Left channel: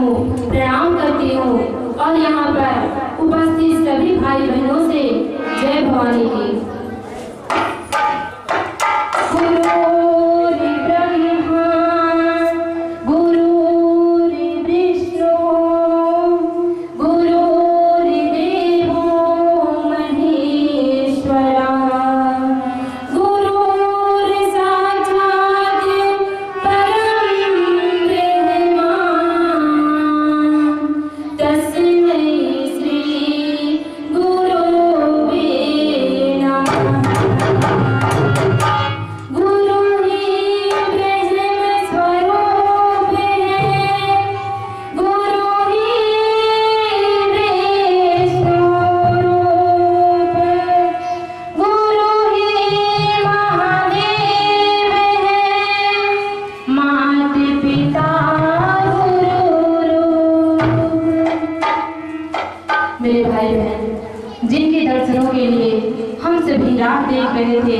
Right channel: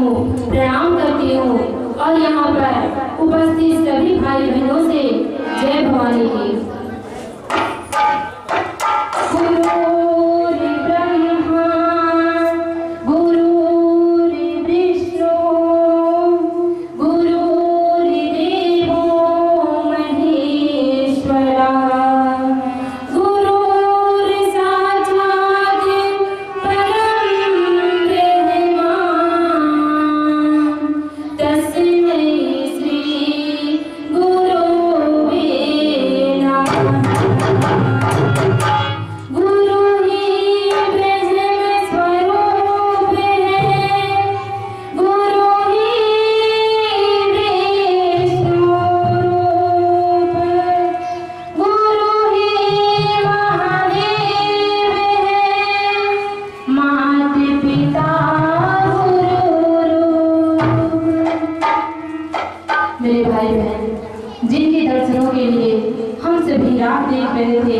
हूँ, प्रणाम करती हूँ और यहाँ पर उपस्थित सभी भाई बहनों से जय भवानी की। मेरे भाई बहन जिनके दर्शनों के लिए हम सभी राह देख रहे थे,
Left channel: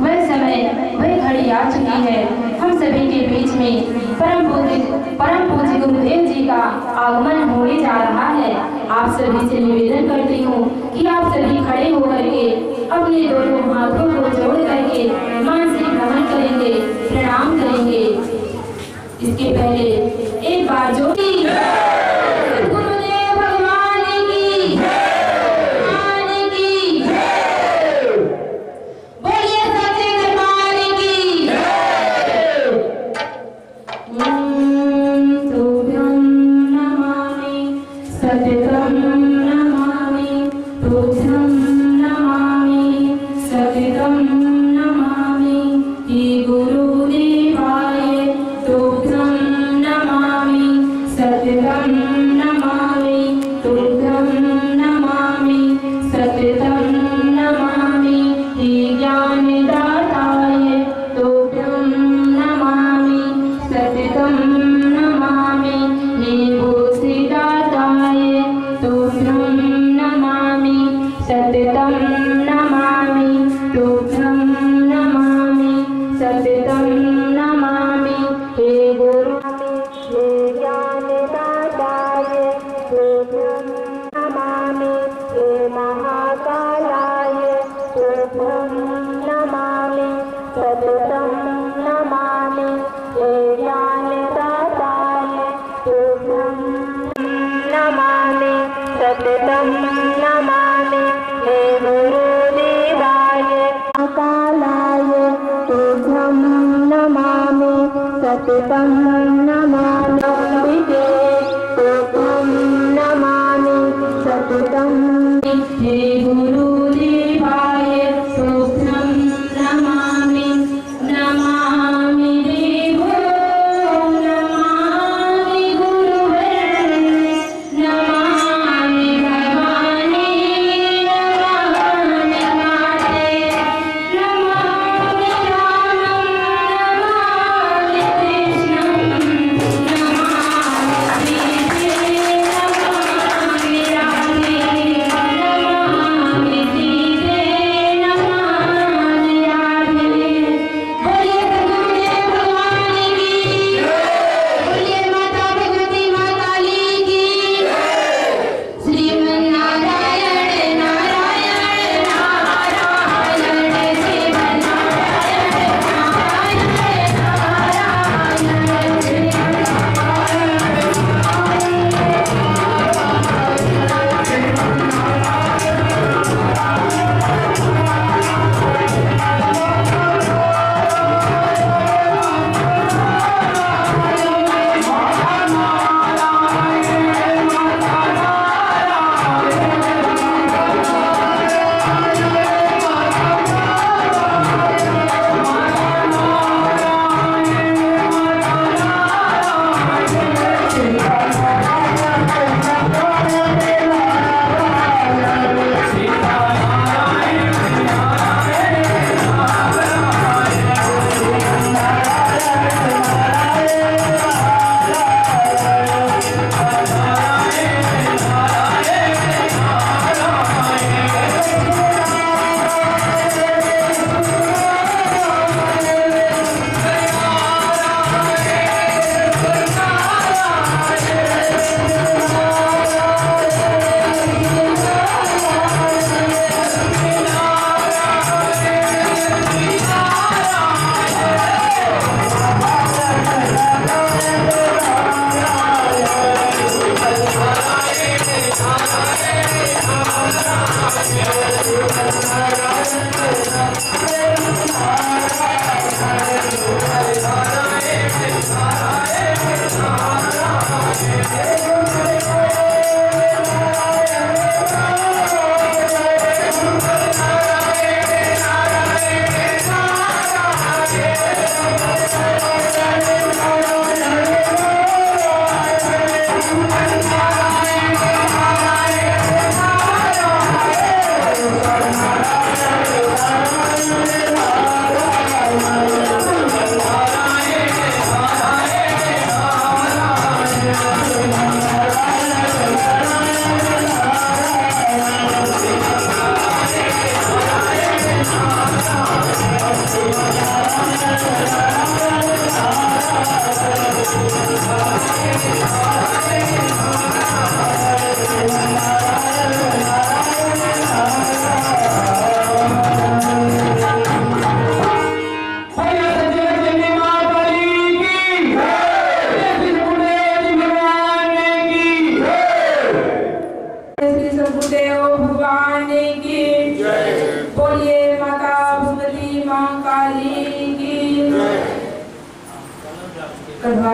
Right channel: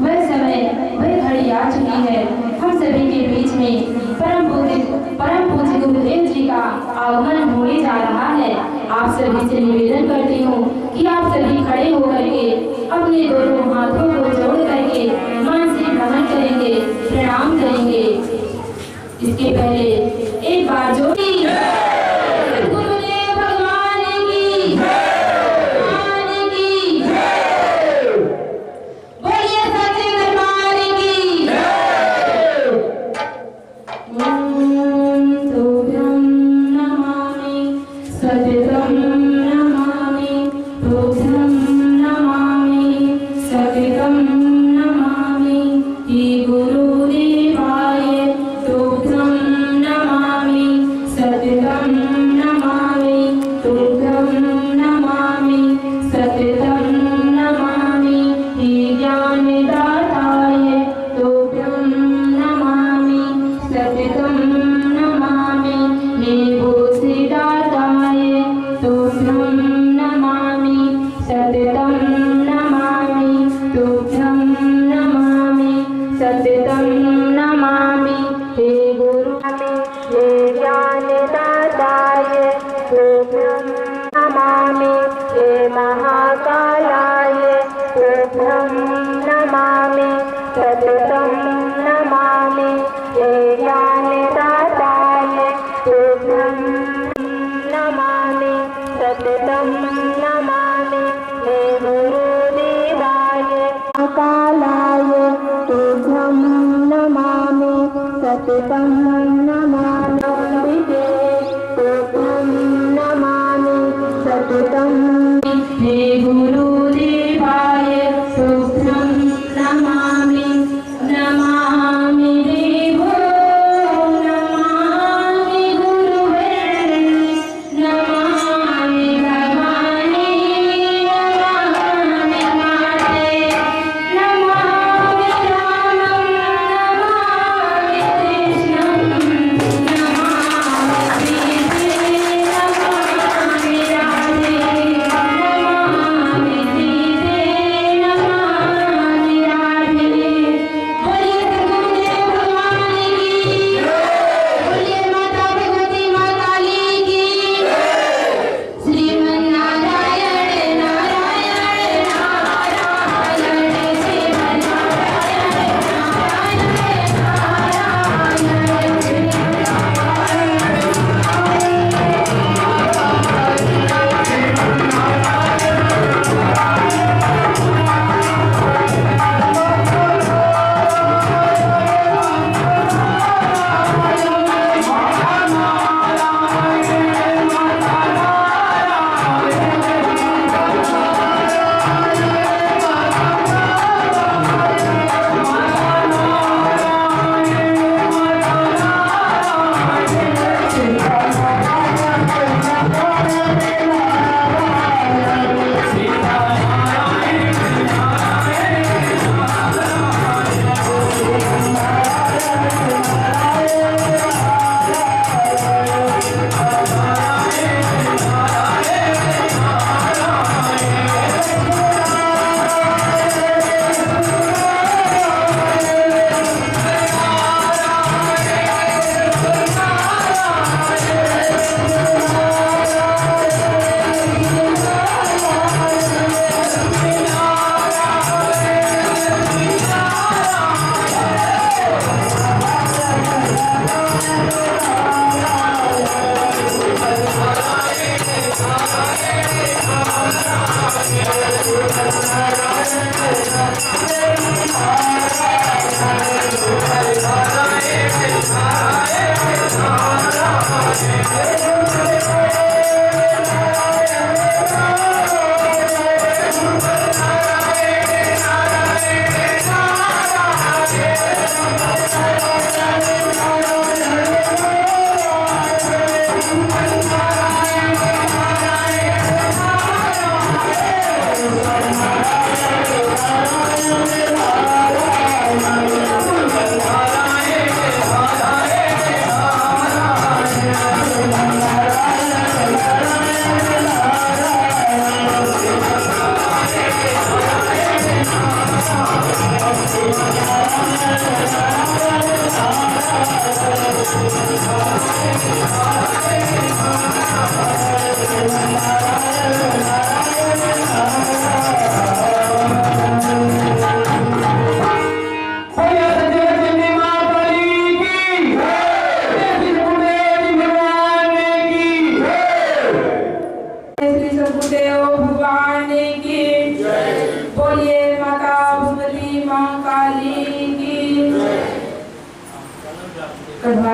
वह समय वह घड़ी आ चुकी है। हम सभी के बीच में परम पूज्य गुरुदेव जी का आगमन होने जा रहा है। आप सभी से निवेदन करती हूँ कि आप सभी खड़े होकर के अपने दोनों हाथों को जोड़ करके मानसिक भ्रमण करेंगे, प्रणाम करेंगे। इसके पहले एक बार जो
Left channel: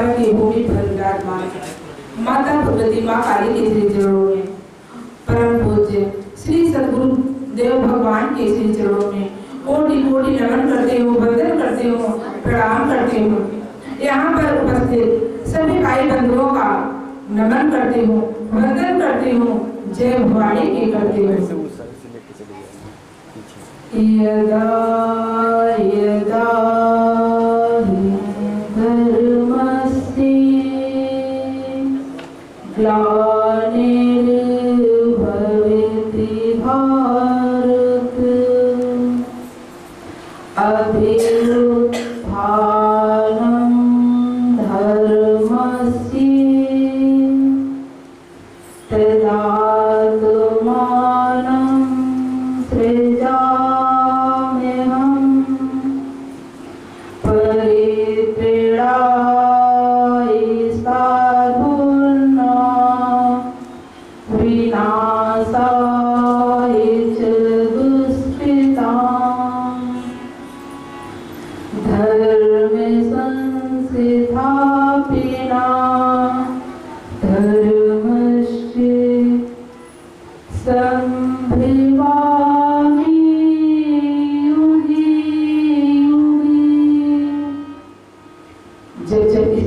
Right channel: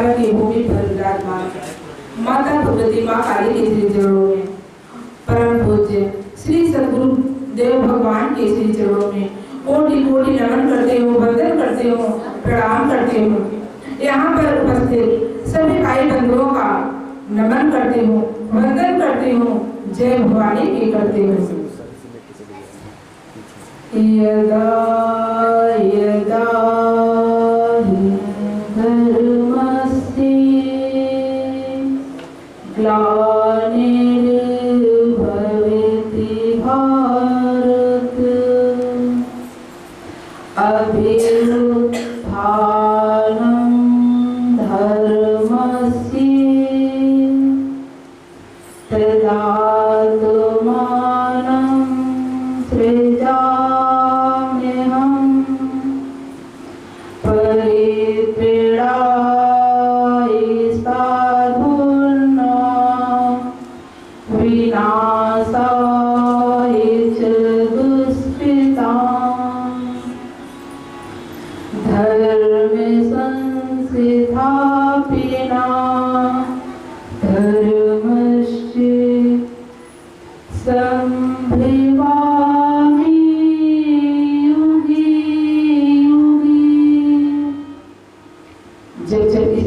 पर की भूमि पर विराजमान माता भगवती माँ काली के श्री चरणों में, परम पूज्य श्री सद्गुरु देव भगवान के श्री चरणों में कोटि कोटि नमन करते हूँ, वंदन करते हूँ, प्रणाम करते हूँ। यहाँ पर उपस्थित सभी भाई बंधुओं का नमन करते हूँ, वंदन करते हूँ, जय भवानी की करते हूँ। यदा यदा धर्मस्य ग्लानिर्भवति भारत अभ्युत्थानं धर्मस्य तदात्मानं सृजाम्यहम्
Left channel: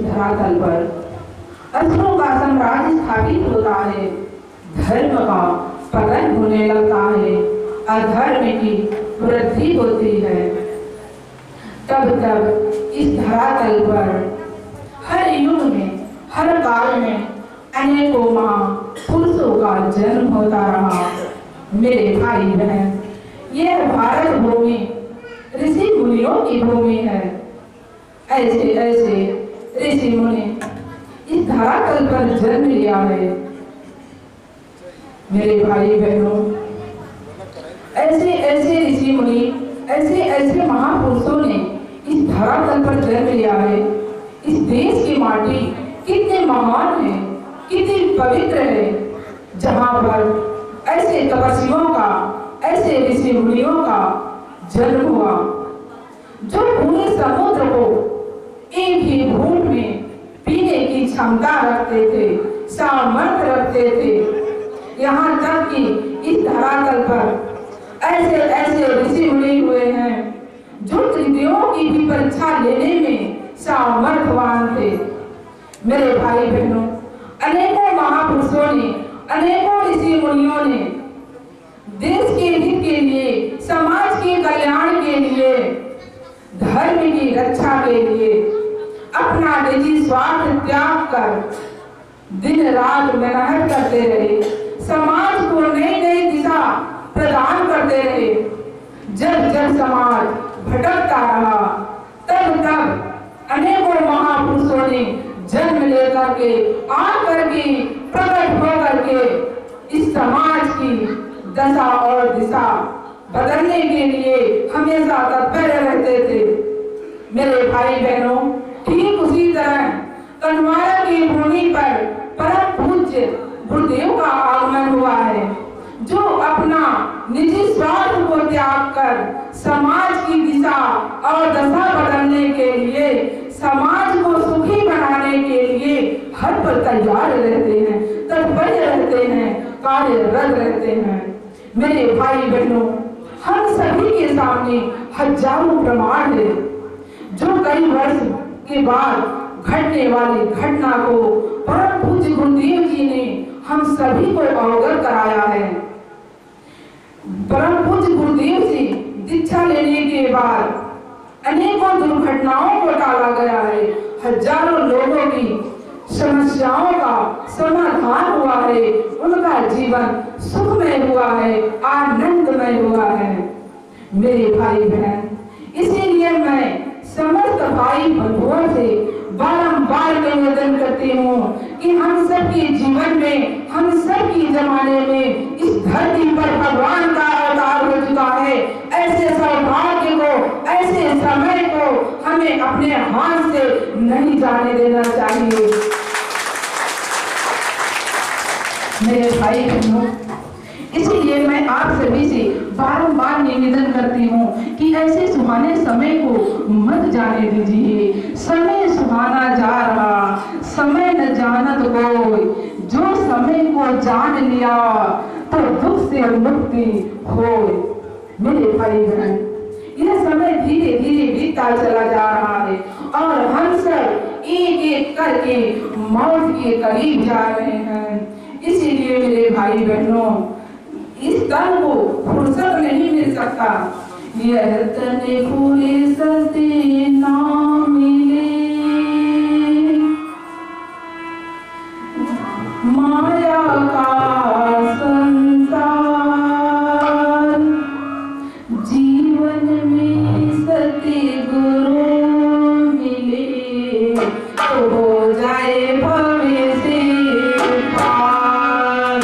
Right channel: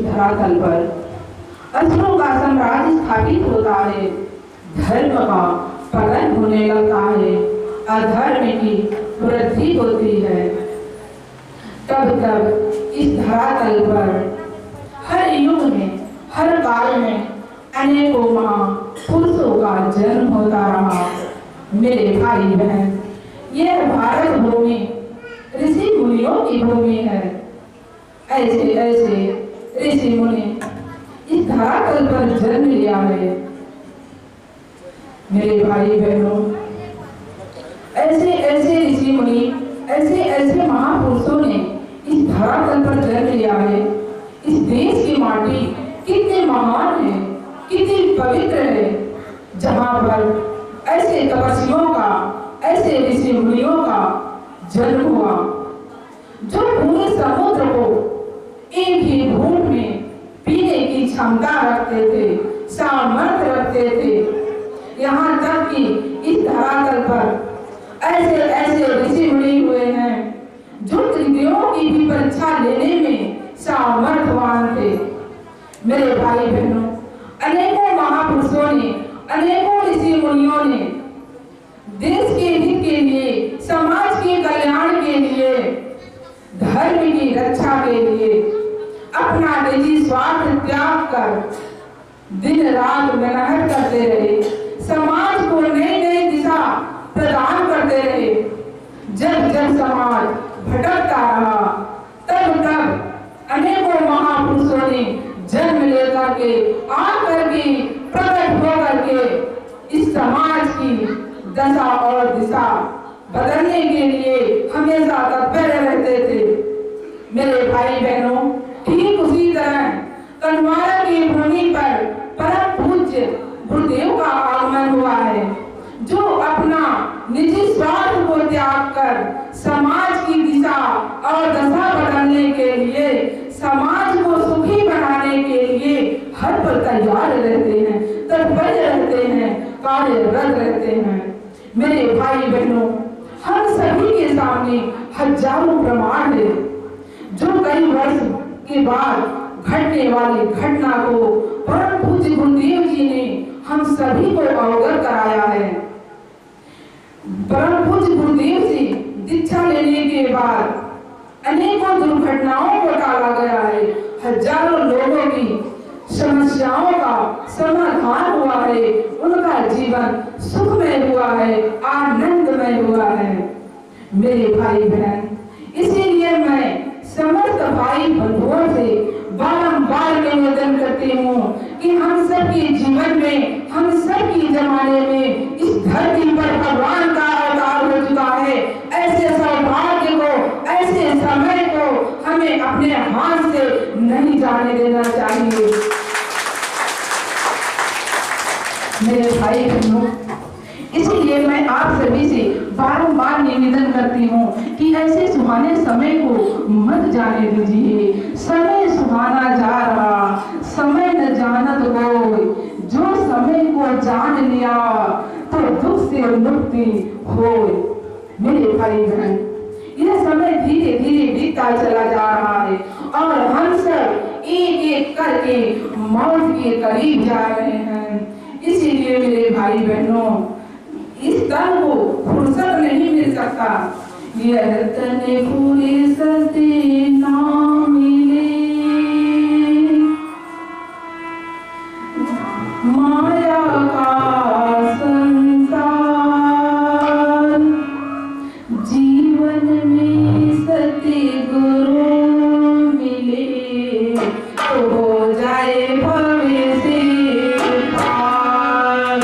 धरातल पर असुरों का साम्राज्य स्थापित होता है, धर्म का पतन होने लगता है, अधर्म की वृद्धि होती है, तब तब इस धरातल पर हर युग में, हर काल में अनेकों महापुरुषों का जन्म होता रहा। मेरे भाई बहन, यह भारत भूमि ऋषि मुनियों की भूमि है। ऐसे ऐसे ऋषि मुनि इस धरातल पर जन्म लिया है। मेरे भाई बहनों, ऐसे ऐसे ऋषि मुनि, ऐसे ऐसे महापुरुषों ने इस धरातल पर जन्म लिया है। इस देश की माटी कितने महान है, कितनी पवित्र है, जहाँ पर ऐसे तपस्वियों का, ऐसे ऋषि मुनियों का जन्म हुआ, जो पूरे समुद्र को एक ही घूंट में पीने की क्षमता रखते थे, सामर्थ्य रखते थे। यहाँ तक कि इस धरातल पर ऐसे ऐसे ऋषि मुनि हुए हैं जो त्रिदेवों की भी परीक्षा लेने में सामर्थ्यवान थे। मेरे भाई बहनों, अनेकों महापुरुषों ने, अनेकों ऋषि मुनियों ने देश के हित के लिए, समाज के कल्याण के लिए, धर्म की रक्षा के लिए अपना निजी स्वार्थ त्याग कर दिन रात मेहनत करते रहे, समाज को नई नई दिशा प्रदान करते रहे। जब जब समाज भटकता रहा, तब तब अनेकों महापुरुषों ने जन्म लेकर के, आकर के, प्रकट होकर के इस समाज की दशा और दिशा बदलने के लिए हमेशा तत्पर रहते थे। मेरे भाई बहनों, ठीक उसी तरह कनवारा की भूमि पर परम पूज्य गुरुदेव का आगमन हुआ है, जो अपना निजी स्वार्थ को त्याग कर समाज की दिशा और दशा बदलने के लिए, समाज को सुखी बनाने के लिए हर पल तैयार रहते हैं, तत्पर रहते हैं, कार्यरत रहते हैं। मेरे भाई बहनों, हम सभी के सामने हजारों प्रमाण है जो कई वर्ष के बाद घटने वाली घटना को परम पूज्य गुरुदेव जी ने हम सभी को अवगत कराया है। परम पूज्य गुरुदेव जी दीक्षा लेने के बाद अनेकों दुर्घटनाओं को टाला गया है, हजारों लोगों की समस्याओं का समाधान हुआ है, उनका जीवन सुखमय हुआ है, आनंदमय हुआ है। मेरे भाई बहन, इसीलिए मैं समस्त भाई बंधुओं से बारंबार निवेदन करती हूँ कि हम सबके जीवन में, हम सबके जमाने में इस धरती पर भगवान का अवतार हो चुका है। ऐसे सौभाग्य को, ऐसे समय को हमें अपने हाथ से नहीं जाने देना चाहिए। मेरे भाई बहनों, इसीलिए मैं आप सभी से बारंबार निवेदन करती हूँ कि ऐसे सुहाने समय को मत जाने दीजिए। समय सुहाना जा रहा, को जान लिया तो दुख से मुक्ति हो। मेरे भाई बहन, यह समय धीरे धीरे बीतता चला जा रहा है और हम सब एक एक करके मौत के करीब जा रहे हैं। इसीलिए मेरे भाई बहनों, इस तन को फुर्सत नहीं मिल सकता। यह तन फुर्सत ना मिले, माया का संसार, जीवन में सतगुरु मिले तो हो जाए भव्य से पार।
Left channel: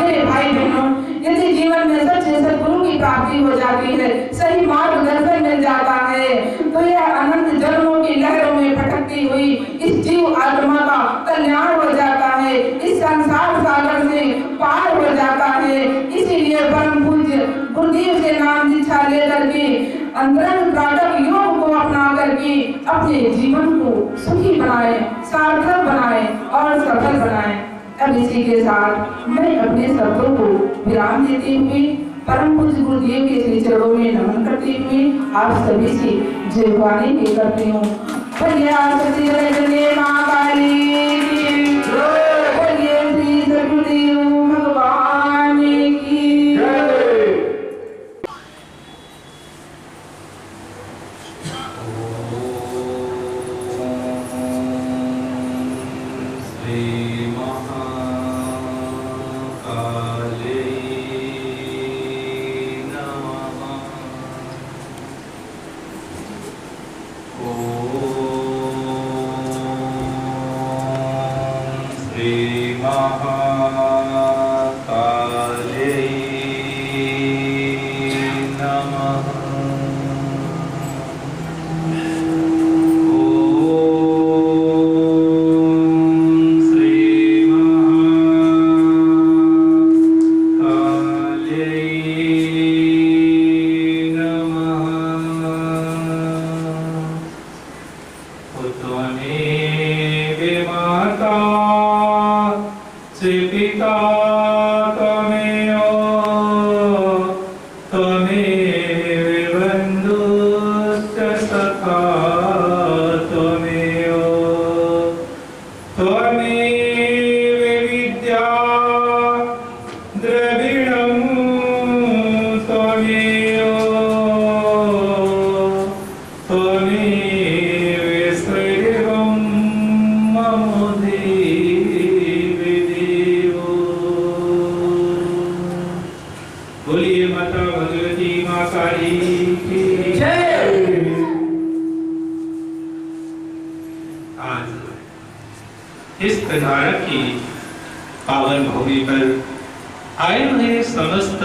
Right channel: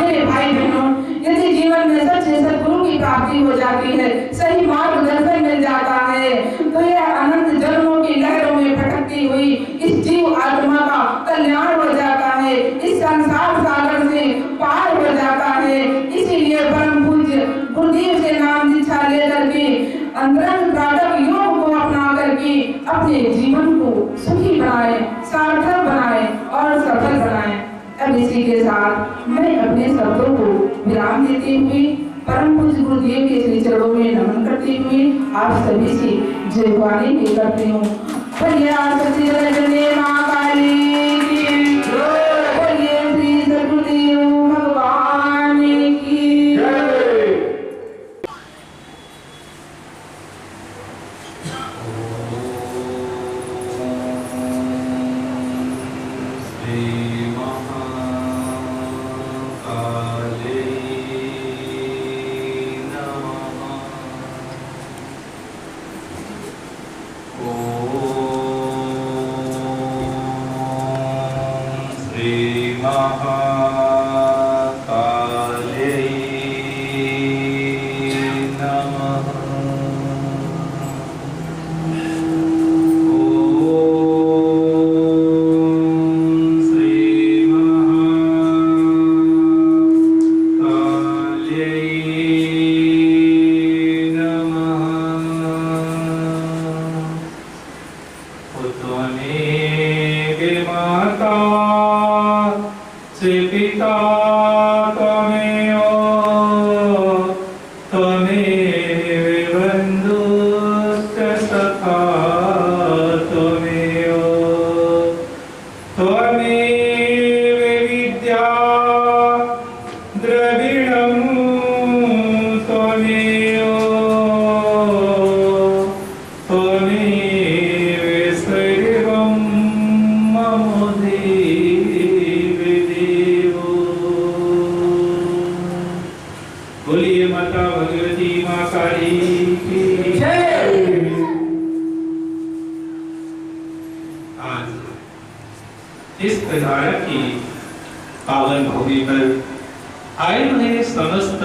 मेरे भाई बहनों, यदि जीवन में सच्चे सतगुरु की प्राप्ति हो जाती है, सही मार्गदर्शन मिल जाता है, तो यह अनंत जन्मों की लहरों में भटकती हुई इस जीव आत्मा का कल्याण हो जाता है, इस संसार सागर से पार हो जाता है। इसीलिए परम पूज्य गुरुदेव से नाम दीक्षा लेकर के अंतरंग प्रातः योग को अपना करके अपने जीवन को सुखी बनाए, सार्थक बनाए और सफल बनाए। अब इसी के साथ मैं अपने शब्दों को विराम देते हुए परम पूज्य गुरुदेव के श्री चरणों में नमन करते हुए आप सभी से जयवाणी भी करती हूँ। माँ काली की जय, बोलिए श्री सद्गुरुदेव भगवान की जय। इस प्रकार की पावन भूमि पर आए हुए समस्त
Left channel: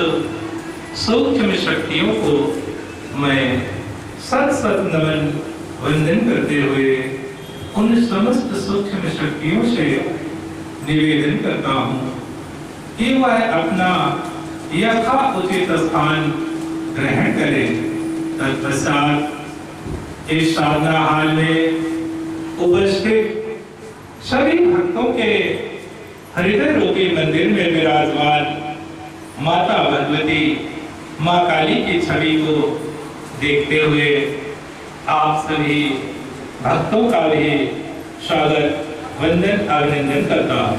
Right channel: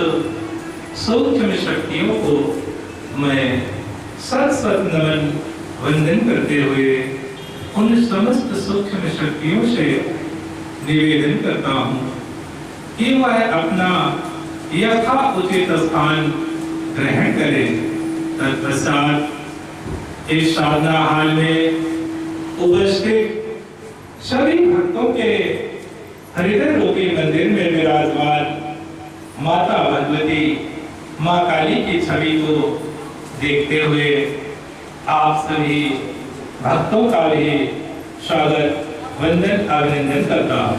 सूक्ष्म शक्तियों को मैं सत सत नमन वंदन करते हुए उन समस्त सूक्ष्म शक्तियों से निवेदन करता हूँ कि वह अपना यथा उचित स्थान ग्रहण करें। तत्पश्चात इस साधना हाल में उपस्थित सभी भक्तों के हृदय रूपी मंदिर में विराजमान माता भगवती माँ काली की छवि को देखते हुए आप सभी भक्तों का भी स्वागत वंदन अभिनंदन करता हूँ।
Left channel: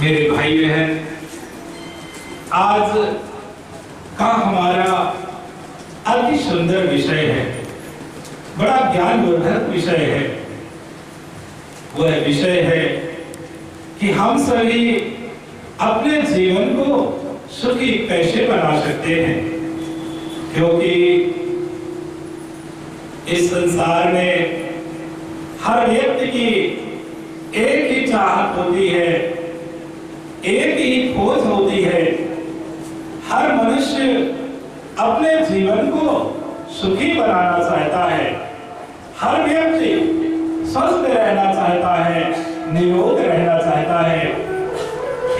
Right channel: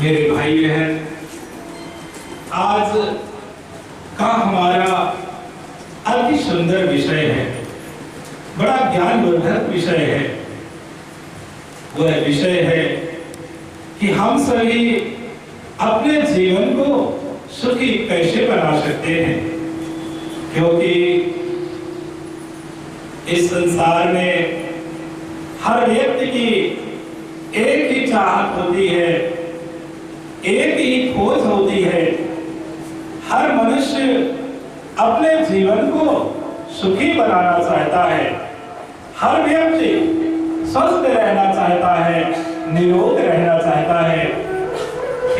मेरे भाई बहन, आज का हमारा अति सुंदर विषय है, बड़ा ज्ञानवर्धक विषय है। वह विषय है कि हम सभी अपने जीवन को सुखी कैसे बना सकते हैं, क्योंकि इस संसार में हर व्यक्ति की एक ही चाहत होती है, एक ही खोज होती है। हर मनुष्य अपने जीवन को सुखी बनाना चाहता है, हर व्यक्ति स्वस्थ रहना चाहता है, निरोग रहना चाहता है।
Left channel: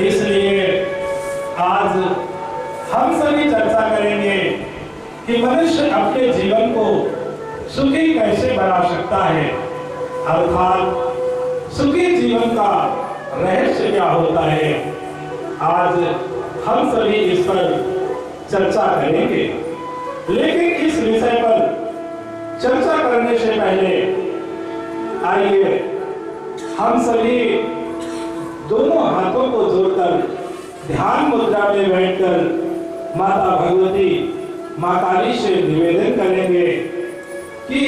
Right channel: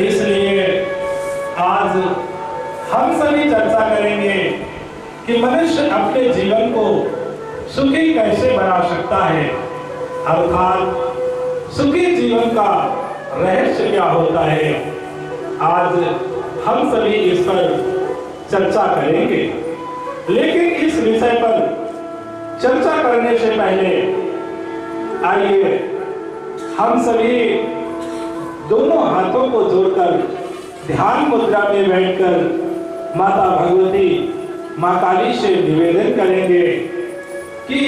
इसलिए आज हम सभी चर्चा करेंगे कि मनुष्य अपने जीवन को सुखी कैसे बना सकता है, अर्थात सुखी जीवन का रहस्य क्या होता है, आज हम सभी इस पर चर्चा करेंगे। लेकिन इस विषय पर चर्चा करने से पहले आइए हम सभी दोनों हाथों को जोड़कर ध्यान मुद्रा में बैठकर माता भगवती मां काली से निवेदन करेंगे कि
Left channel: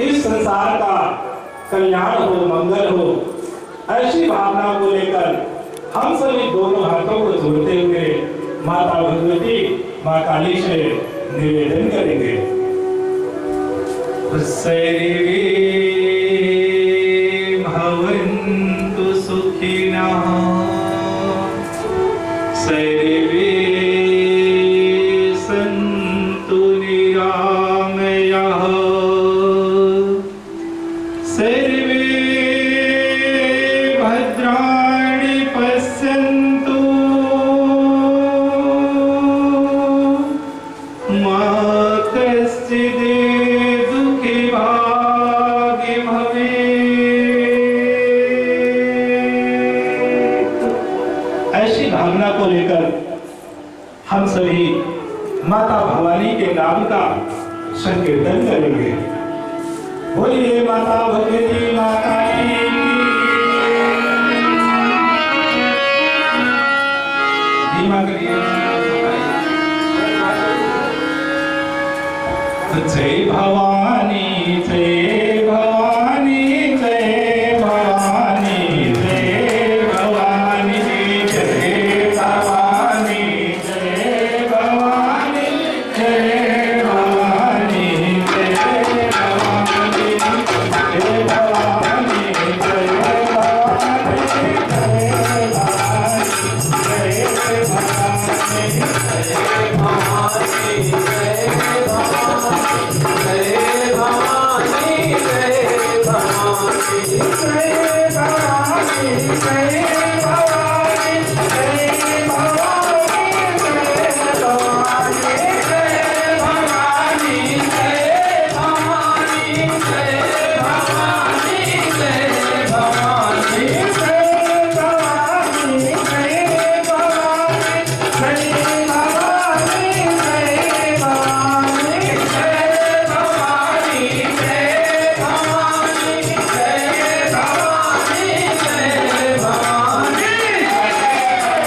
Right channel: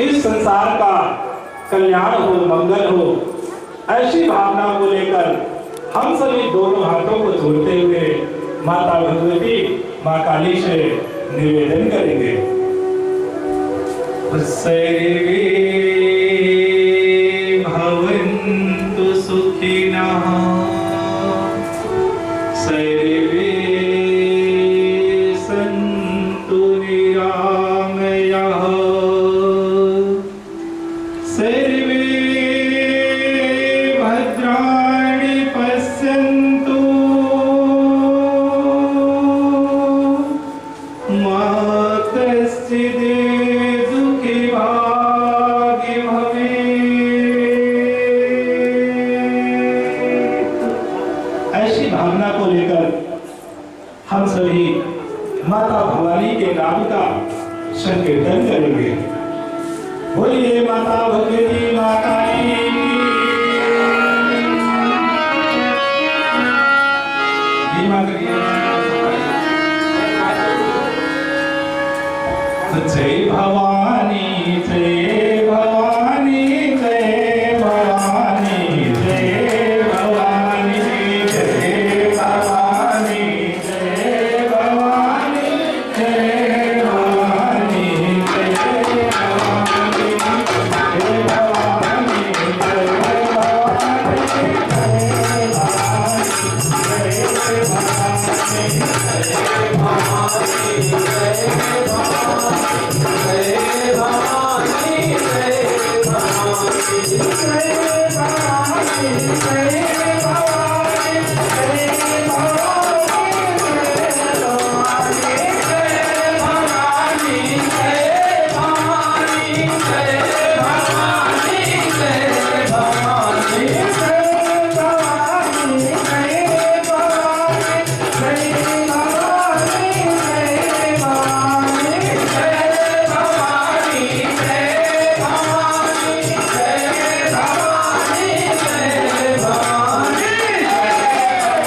इस संसार का कल्याण हो, मंगल हो। ऐसी भावना को लेकर हम सभी दोनों हाथों को जोड़ते हुए माता भगवती मां काली से निवेदन करेंगे। सर्वे भवन्तु सुखिनः, सर्वे सन्तु निरामयाः, सर्वे भद्राणि पश्यन्तु मा कश्चित् दुःखी भाग् भवेत्। ऐसी भावना को लेकर हम सभी माता भवानी के नाम का संकीर्तन करेंगे। बोलिए माता भगवती माता की जय भवानी, जय भवानी, जय भवानी, जय भवानी, जय भवानी, जय भवानी, जय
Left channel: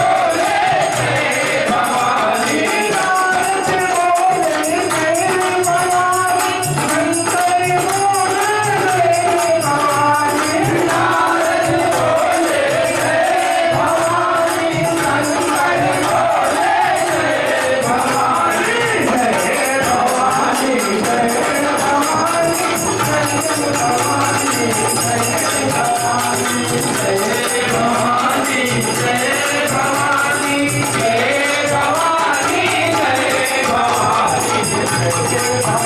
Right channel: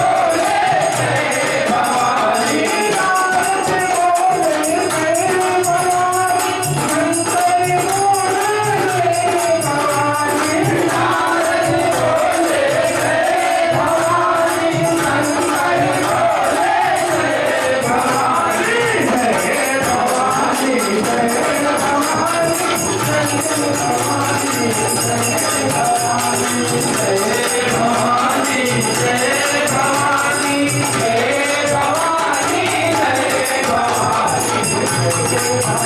भवानी, जय भवानी, जय भवानी,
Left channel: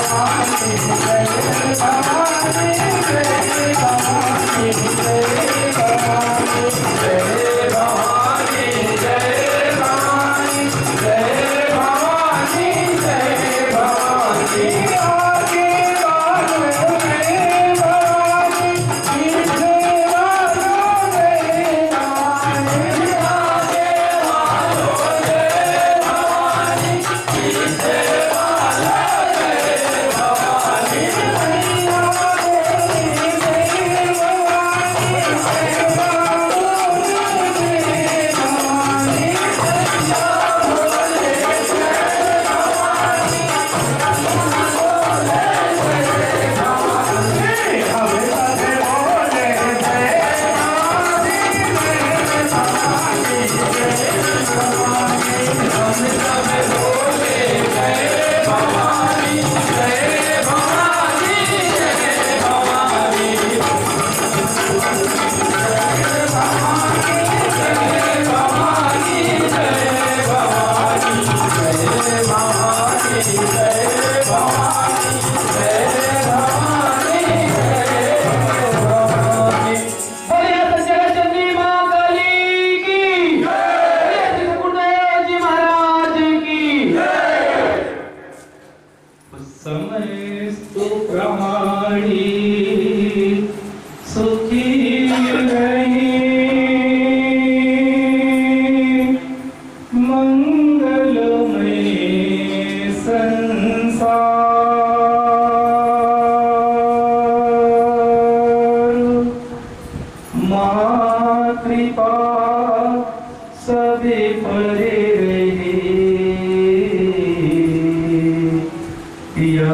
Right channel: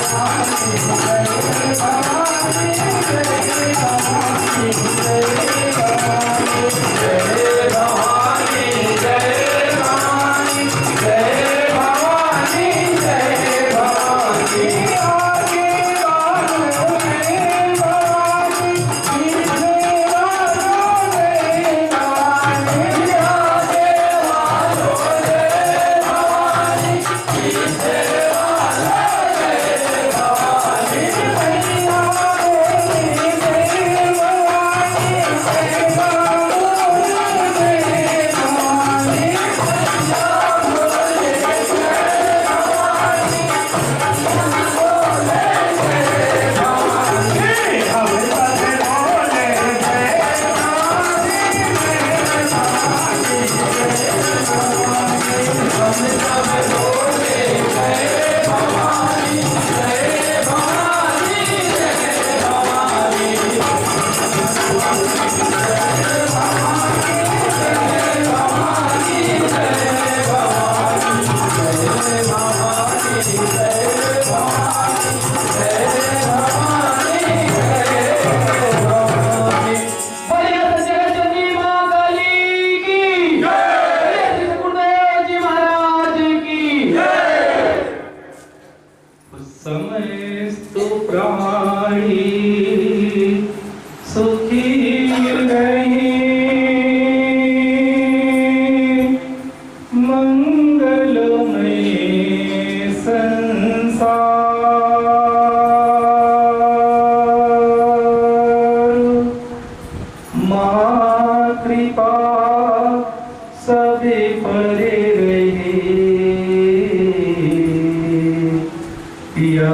सुखी रहे मंगलमय संसार। माँ कृपा सभी पर रहे, यह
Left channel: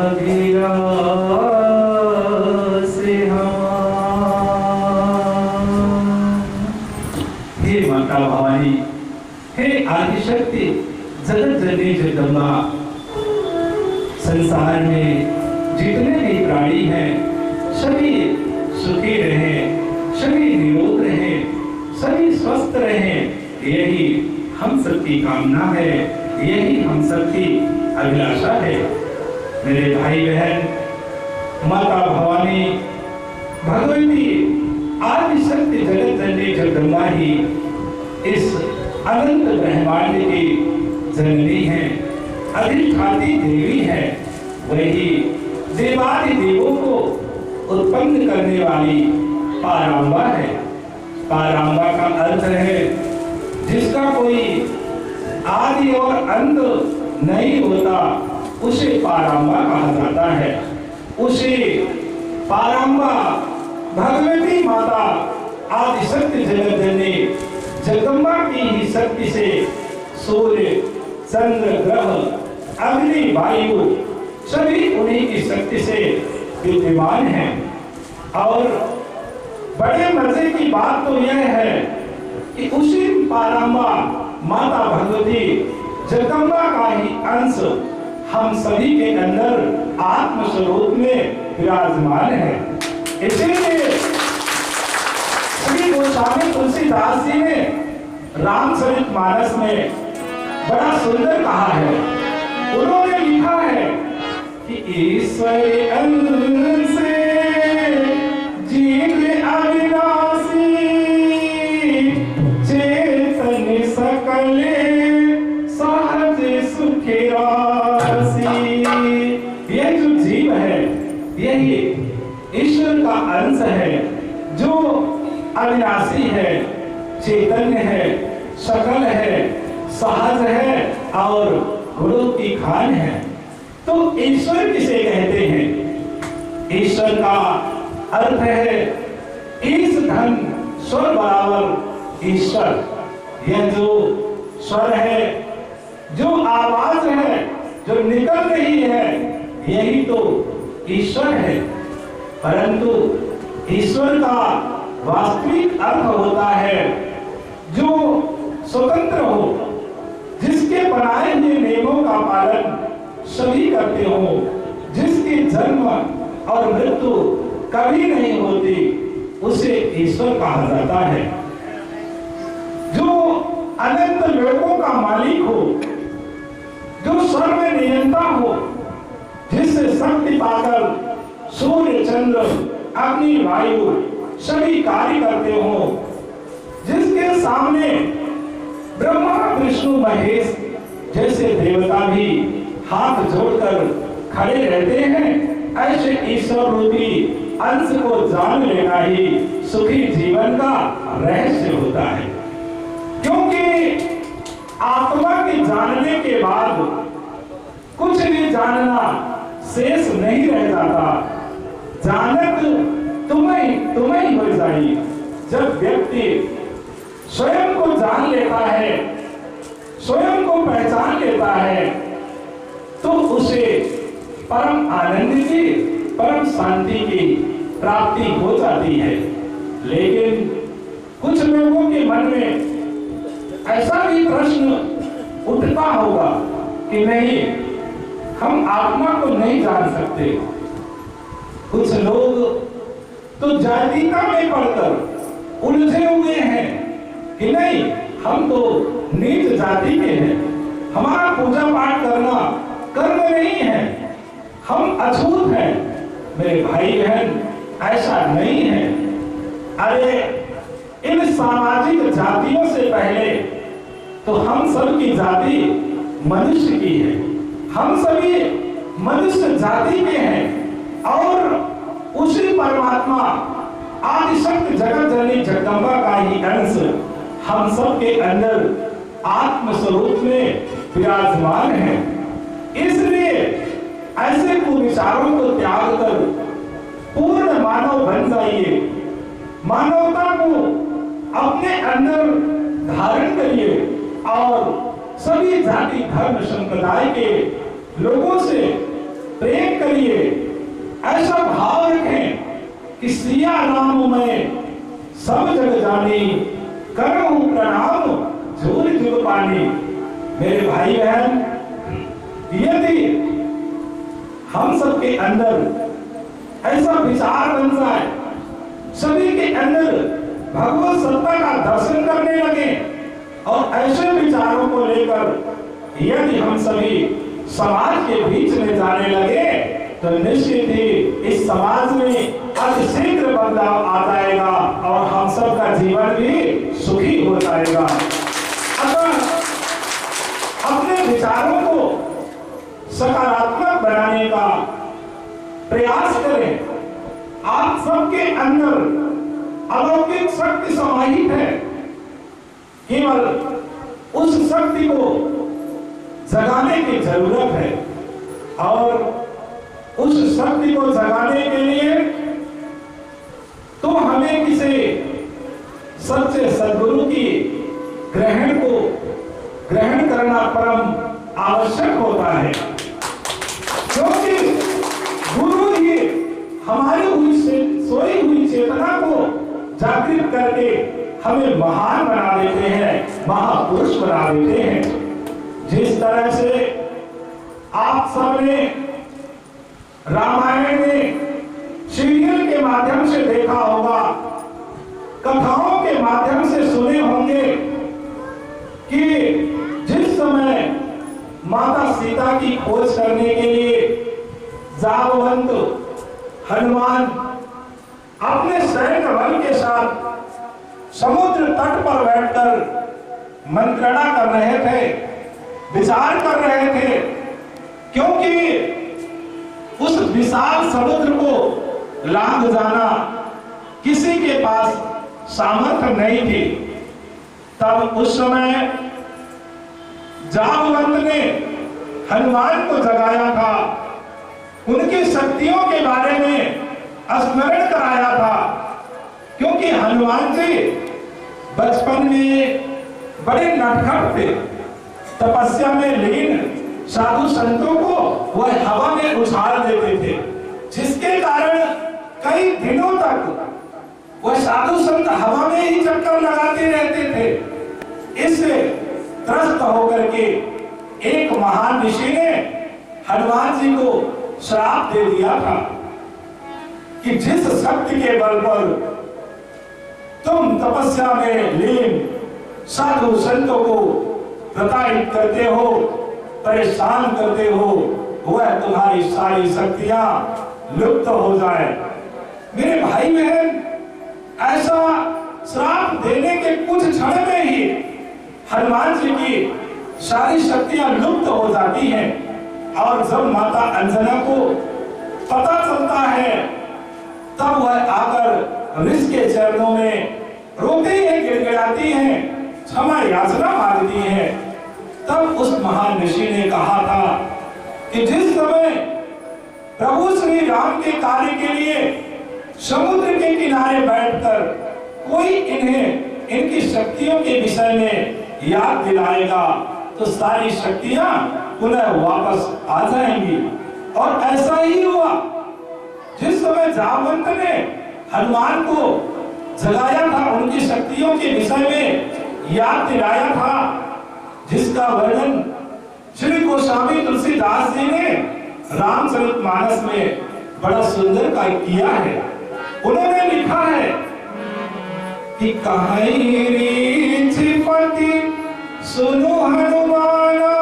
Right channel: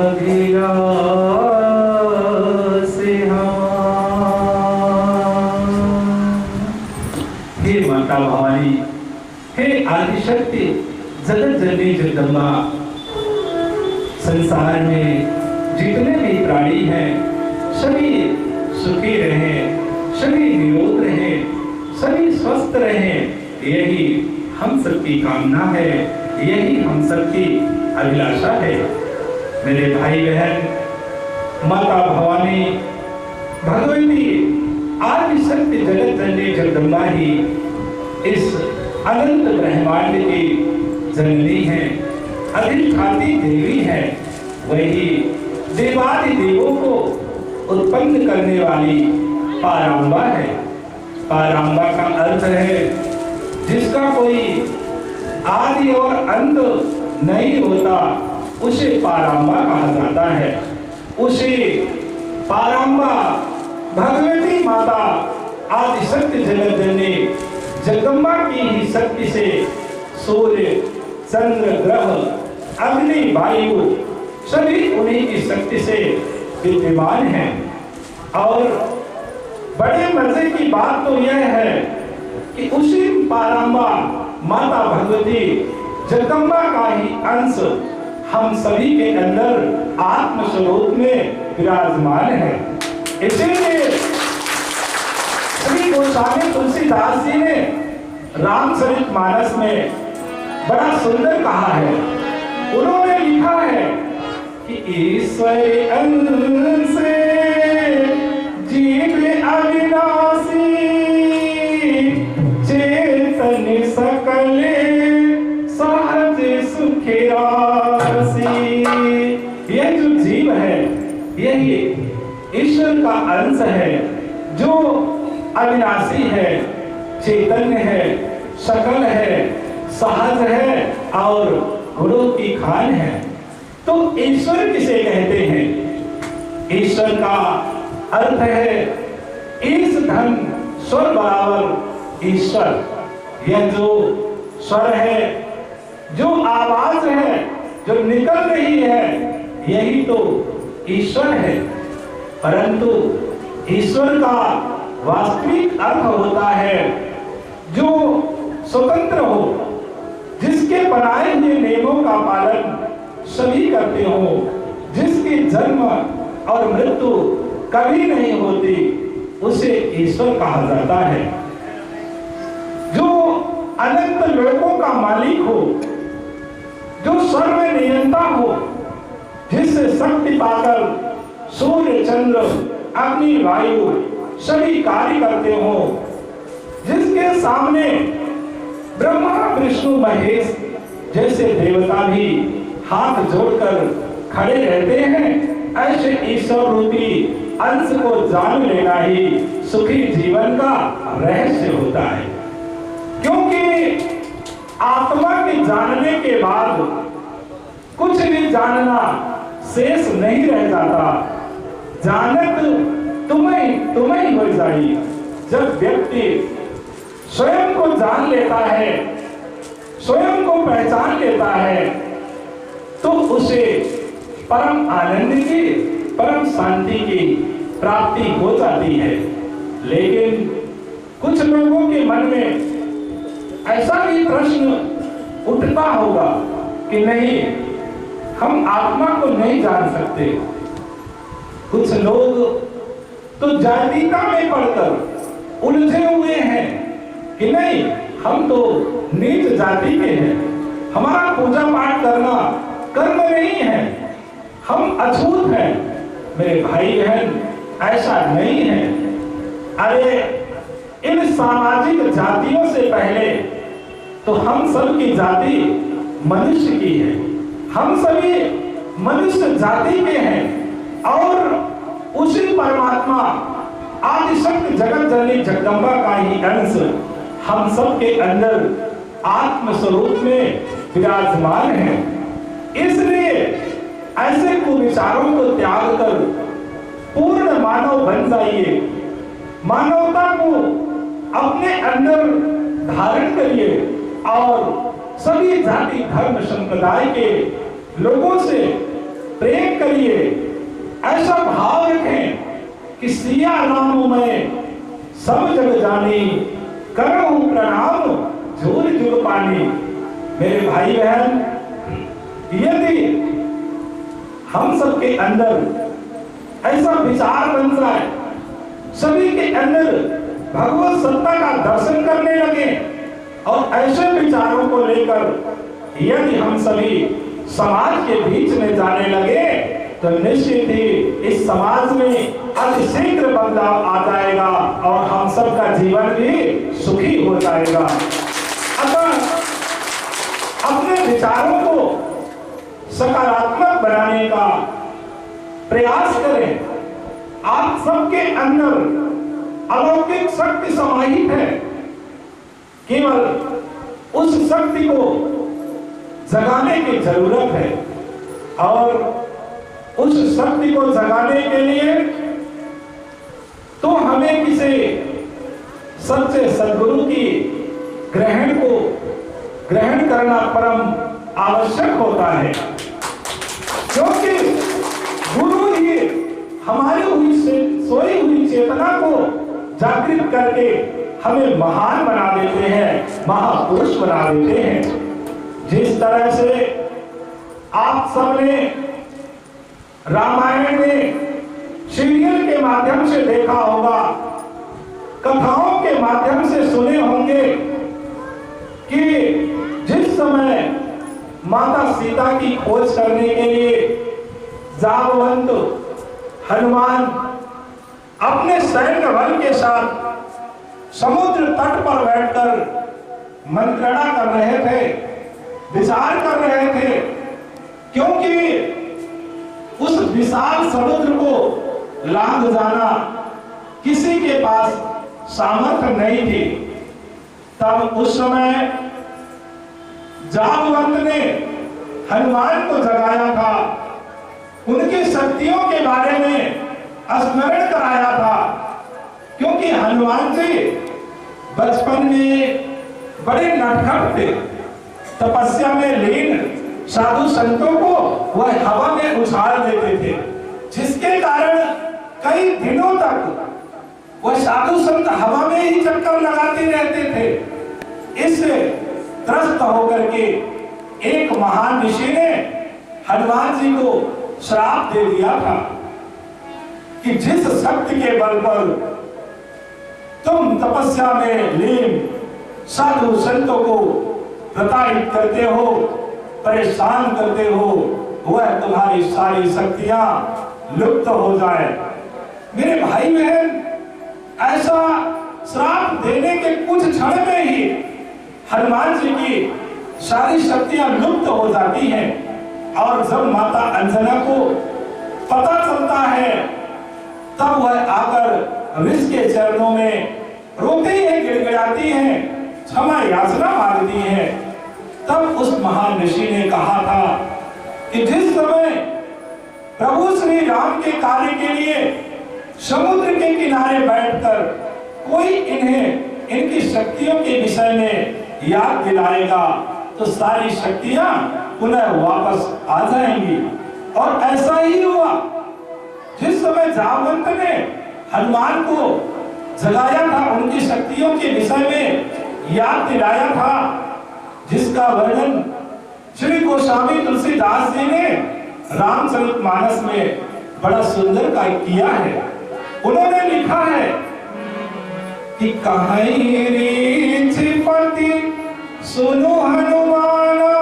अभिलाष हे माता भवानी, हे आदिशक्ति, जगत जननी जगदम्बा, संसार में जितने भी प्राणी हैं सभी सुखी रहें, सभी निरोग रहें, सभी स्वस्थ रहें, यही हम सबकी कामना है, यही हम सबकी अभिलाषा है। मेरे भाई बहन, माता भवानी भगवती आदिशक्ति जगत जननी जगदम्बा ही इस अनंत ब्रह्मांड की जननी है, अधिष्ठात्री देवी है। वही देवादि देवों को उत्पन्न करने वाली पारंबा है। पारंबा का अर्थ है जिसका कोई आदि और अंत नहीं होता, उसे पारंबा कहा जाता है। उसे पारंबा भगवती माता आदिशक्ति जगत जननी जगदम्बा की ही शक्ति से सूर्य, चंद्र, ग्रह, अग्नि, वायु सभी उन्हीं की शक्ति से विद्यमान है। और बड़े मजे की बात तो यह है कि उसी पारंबा माता भगवती जगदम्बा का ही अंश हम सभी के अंदर आत्म स्वरूप में विराजमान है। इसीलिए श्री गोस्वामी तुलसीदास जी ने रामचरितमानस में बड़ा सुंदर कहा है। उन्होंने लिखा है कि ईश्वर अंश से जीव अविनाशी, चेतन सकल सहज सुखी राशि। यह जो जीव है यही ईश्वर का अंश है, जो अविनाशी है, चैतन्य है, सकल है, सहज है और गुणों की खान है। तो ईश्वर किसे कहते हैं? ईश्वर का अर्थ है ईश धन स्वर बराबर ईश्वर। यह जो स्वर है, जो आवाज है, जो निकल रही है, यही तो ईश्वर है। परंतु ईश्वर का वास्तविक अर्थ होता है जो स्वतंत्र हो, जिसके बनाए हुए नियमों का पालन सभी करते हो, जिसकी जन्म और मृत्यु कभी नहीं होती, उसे ईश्वर कहा जाता है। जो अनंत लोकों का मालिक हो, जो सर्व नियंता हो, जिससे शक्ति पाकर सूर्य, चंद्र, अग्नि, वायु सभी कार्य करते हो, जिसके सामने ब्रह्मा, विष्णु, महेश जैसे देवता भी हाथ जोड़कर खड़े रहते हैं, ऐसे ईश्वर रूपी अंश को जान लेना ही सुखी जीवन का रहस्य होता है। क्योंकि आत्मा के जानने के बाद कुछ भी जानना शेष नहीं रह जाता। जानत तुम्हें हो जाई। जब व्यक्ति स्वयं को जान लेता है, स्वयं को पहचान लेता है, तो उसे परम आनंद की, परम शांति की प्राप्ति हो जाती है। लेकिन कुछ लोगों के मन में ऐसा भी प्रश्न उठता होगा कि नहीं, हम आत्मा को नहीं जान सकते। कुछ लोग तो जातीयता में पढ़कर उलझे हुए हैं कि नहीं, हम तो नीच जाति के हैं, हमारा पूजा पाठ करना कर्म नहीं है, हम अछूत हैं। मेरे भाई बहन, ऐसा नहीं है। अरे इन सामाजिक जातियों से पहले तो हम सब की जाति मनुष्य की है। हम सभी मनुष्य जाति के हैं और उसी परमात्मा आदिशक्ति जगत जननी जगदम्बा का ही अंश हम सब के अंदर आत्म स्वरूप में विराजमान है। इसलिए ऐसे कुविचारों को त्याग कर पूर्ण मानव बन जाइए, मानवता को अपने अंदर धारण करिए और सभी जाति धर्म संप्रदाय के लोगों से प्रेम करिए। ऐसा भाव रखें कि सिया नाम में सब जग जानी, करो प्रणाम जोर जोर पानी। मेरे भाई बहन, यदि हम सबके अंदर ऐसा विचार बन जाए, सभी के अंदर भगवत सत्ता का दर्शन करने लगे और ऐसे विचारों को लेकर यदि हम सभी समाज के बीच में जाने लगे तो निश्चित ही इस समाज में अतिशीघ्र बदलाव आ जाएगा और हम सबका जीवन भी सुखी हो जाएगा। अतः अपने विचारों को सकारात्मक बनाने का प्रयास करें। आप सबके अंदर अलौकिक शक्ति समाहित है, केवल उस शक्ति को जगाने की जरूरत है और उस शक्ति को जगाने के लिए तो हमें किसी सच्चे सद्गुरु की ग्रहण करना परम आवश्यक होता है, क्योंकि गुरु ही हमारी सोई हुई चेतना को जागृत करके हमें महान बना देते हैं, महापुरुष बना देते हैं। जिस तरह से आप सबने रामायण में सीरियल के माध्यम से देखा होगा, कथाओं के माध्यम से सुने होंगे कि जिस समय माता सीता की खोज करने के लिए जामवंत हनुमान अपने सैन्य बल के साथ समुद्र तट पर बैठकर मंत्रणा कर रहे थे, विचार कर रहे थे, क्योंकि उस विशाल समुद्र को लांघ जाना किसी के पास सामर्थ्य नहीं थी। तब उस समय जामवंत ने हनुमान को जगाया था, उनकी शक्तियों के बारे में स्मरण कराया था, क्योंकि हनुमान जी बचपन में बड़े नटखट थे, तपस्या में लीन साधु संतों को वह हवा में उछाल देते थे, जिसके कारण कई दिनों तक वह साधु संत हवा में ही चक्कर लगाते रहते थे। इससे त्रस्त होकर के एक महान ऋषि ने हनुमान जी को श्राप दे दिया था कि जिस शक्ति के बल पर तुम तपस्या में लीन साधु संतों को प्रताड़ित करते हो, परेशान करते हो, वह तुम्हारी सारी शक्तियां लुप्त हो जाए। मेरे भाई बहन, ऐसा श्राप देने के कुछ क्षण में ही हनुमान जी की सारी शक्तियां लुप्त हो जाती हैं और जब माता अंजना को पता चलता है तब वह आकर ऋषि के चरणों में रोती है, गिड़गिड़ाती है, क्षमा याचना मांगती है। तब उस महान ऋषि ने कहा था कि जिस समय प्रभु श्री राम के कार्य के लिए समुद्र के किनारे बैठकर कोई इन्हें इनकी शक्तियों के विषय में याद दिलाएगा तो सारी शक्तियां पुनः वापस आ जाएंगी। और ऐसा ही हुआ। जिस समय जामवंत ने हनुमान को जगाया था, उनकी शक्तियों के विषय में याद दिलाया था, जिसका वर्णन श्री गोस्वामी तुलसीदास जी ने रामचरितमानस में बड़ा सुंदर का किया है। उन्होंने लिखा है कि कहीं रीछपति सुनो हनुमाना,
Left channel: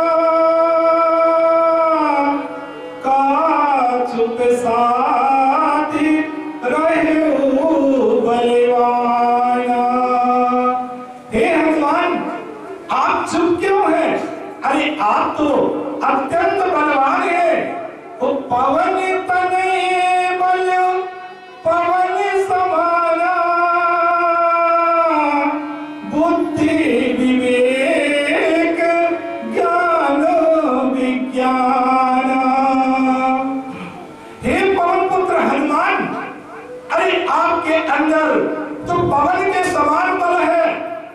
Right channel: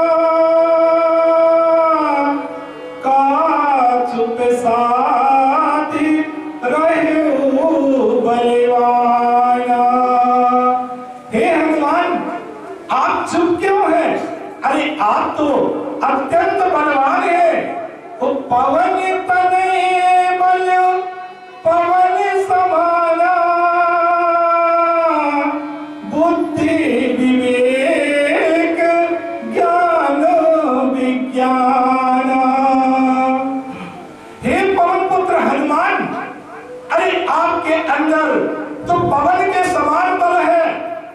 का चुप साथी रहु बलवाना। हे हनुमान, आप चुप क्यों हैं? अरे आप तो अत्यंत बलवान हैं। वो पवन तनय बल आपके अंदर तो पवन के समान बल है,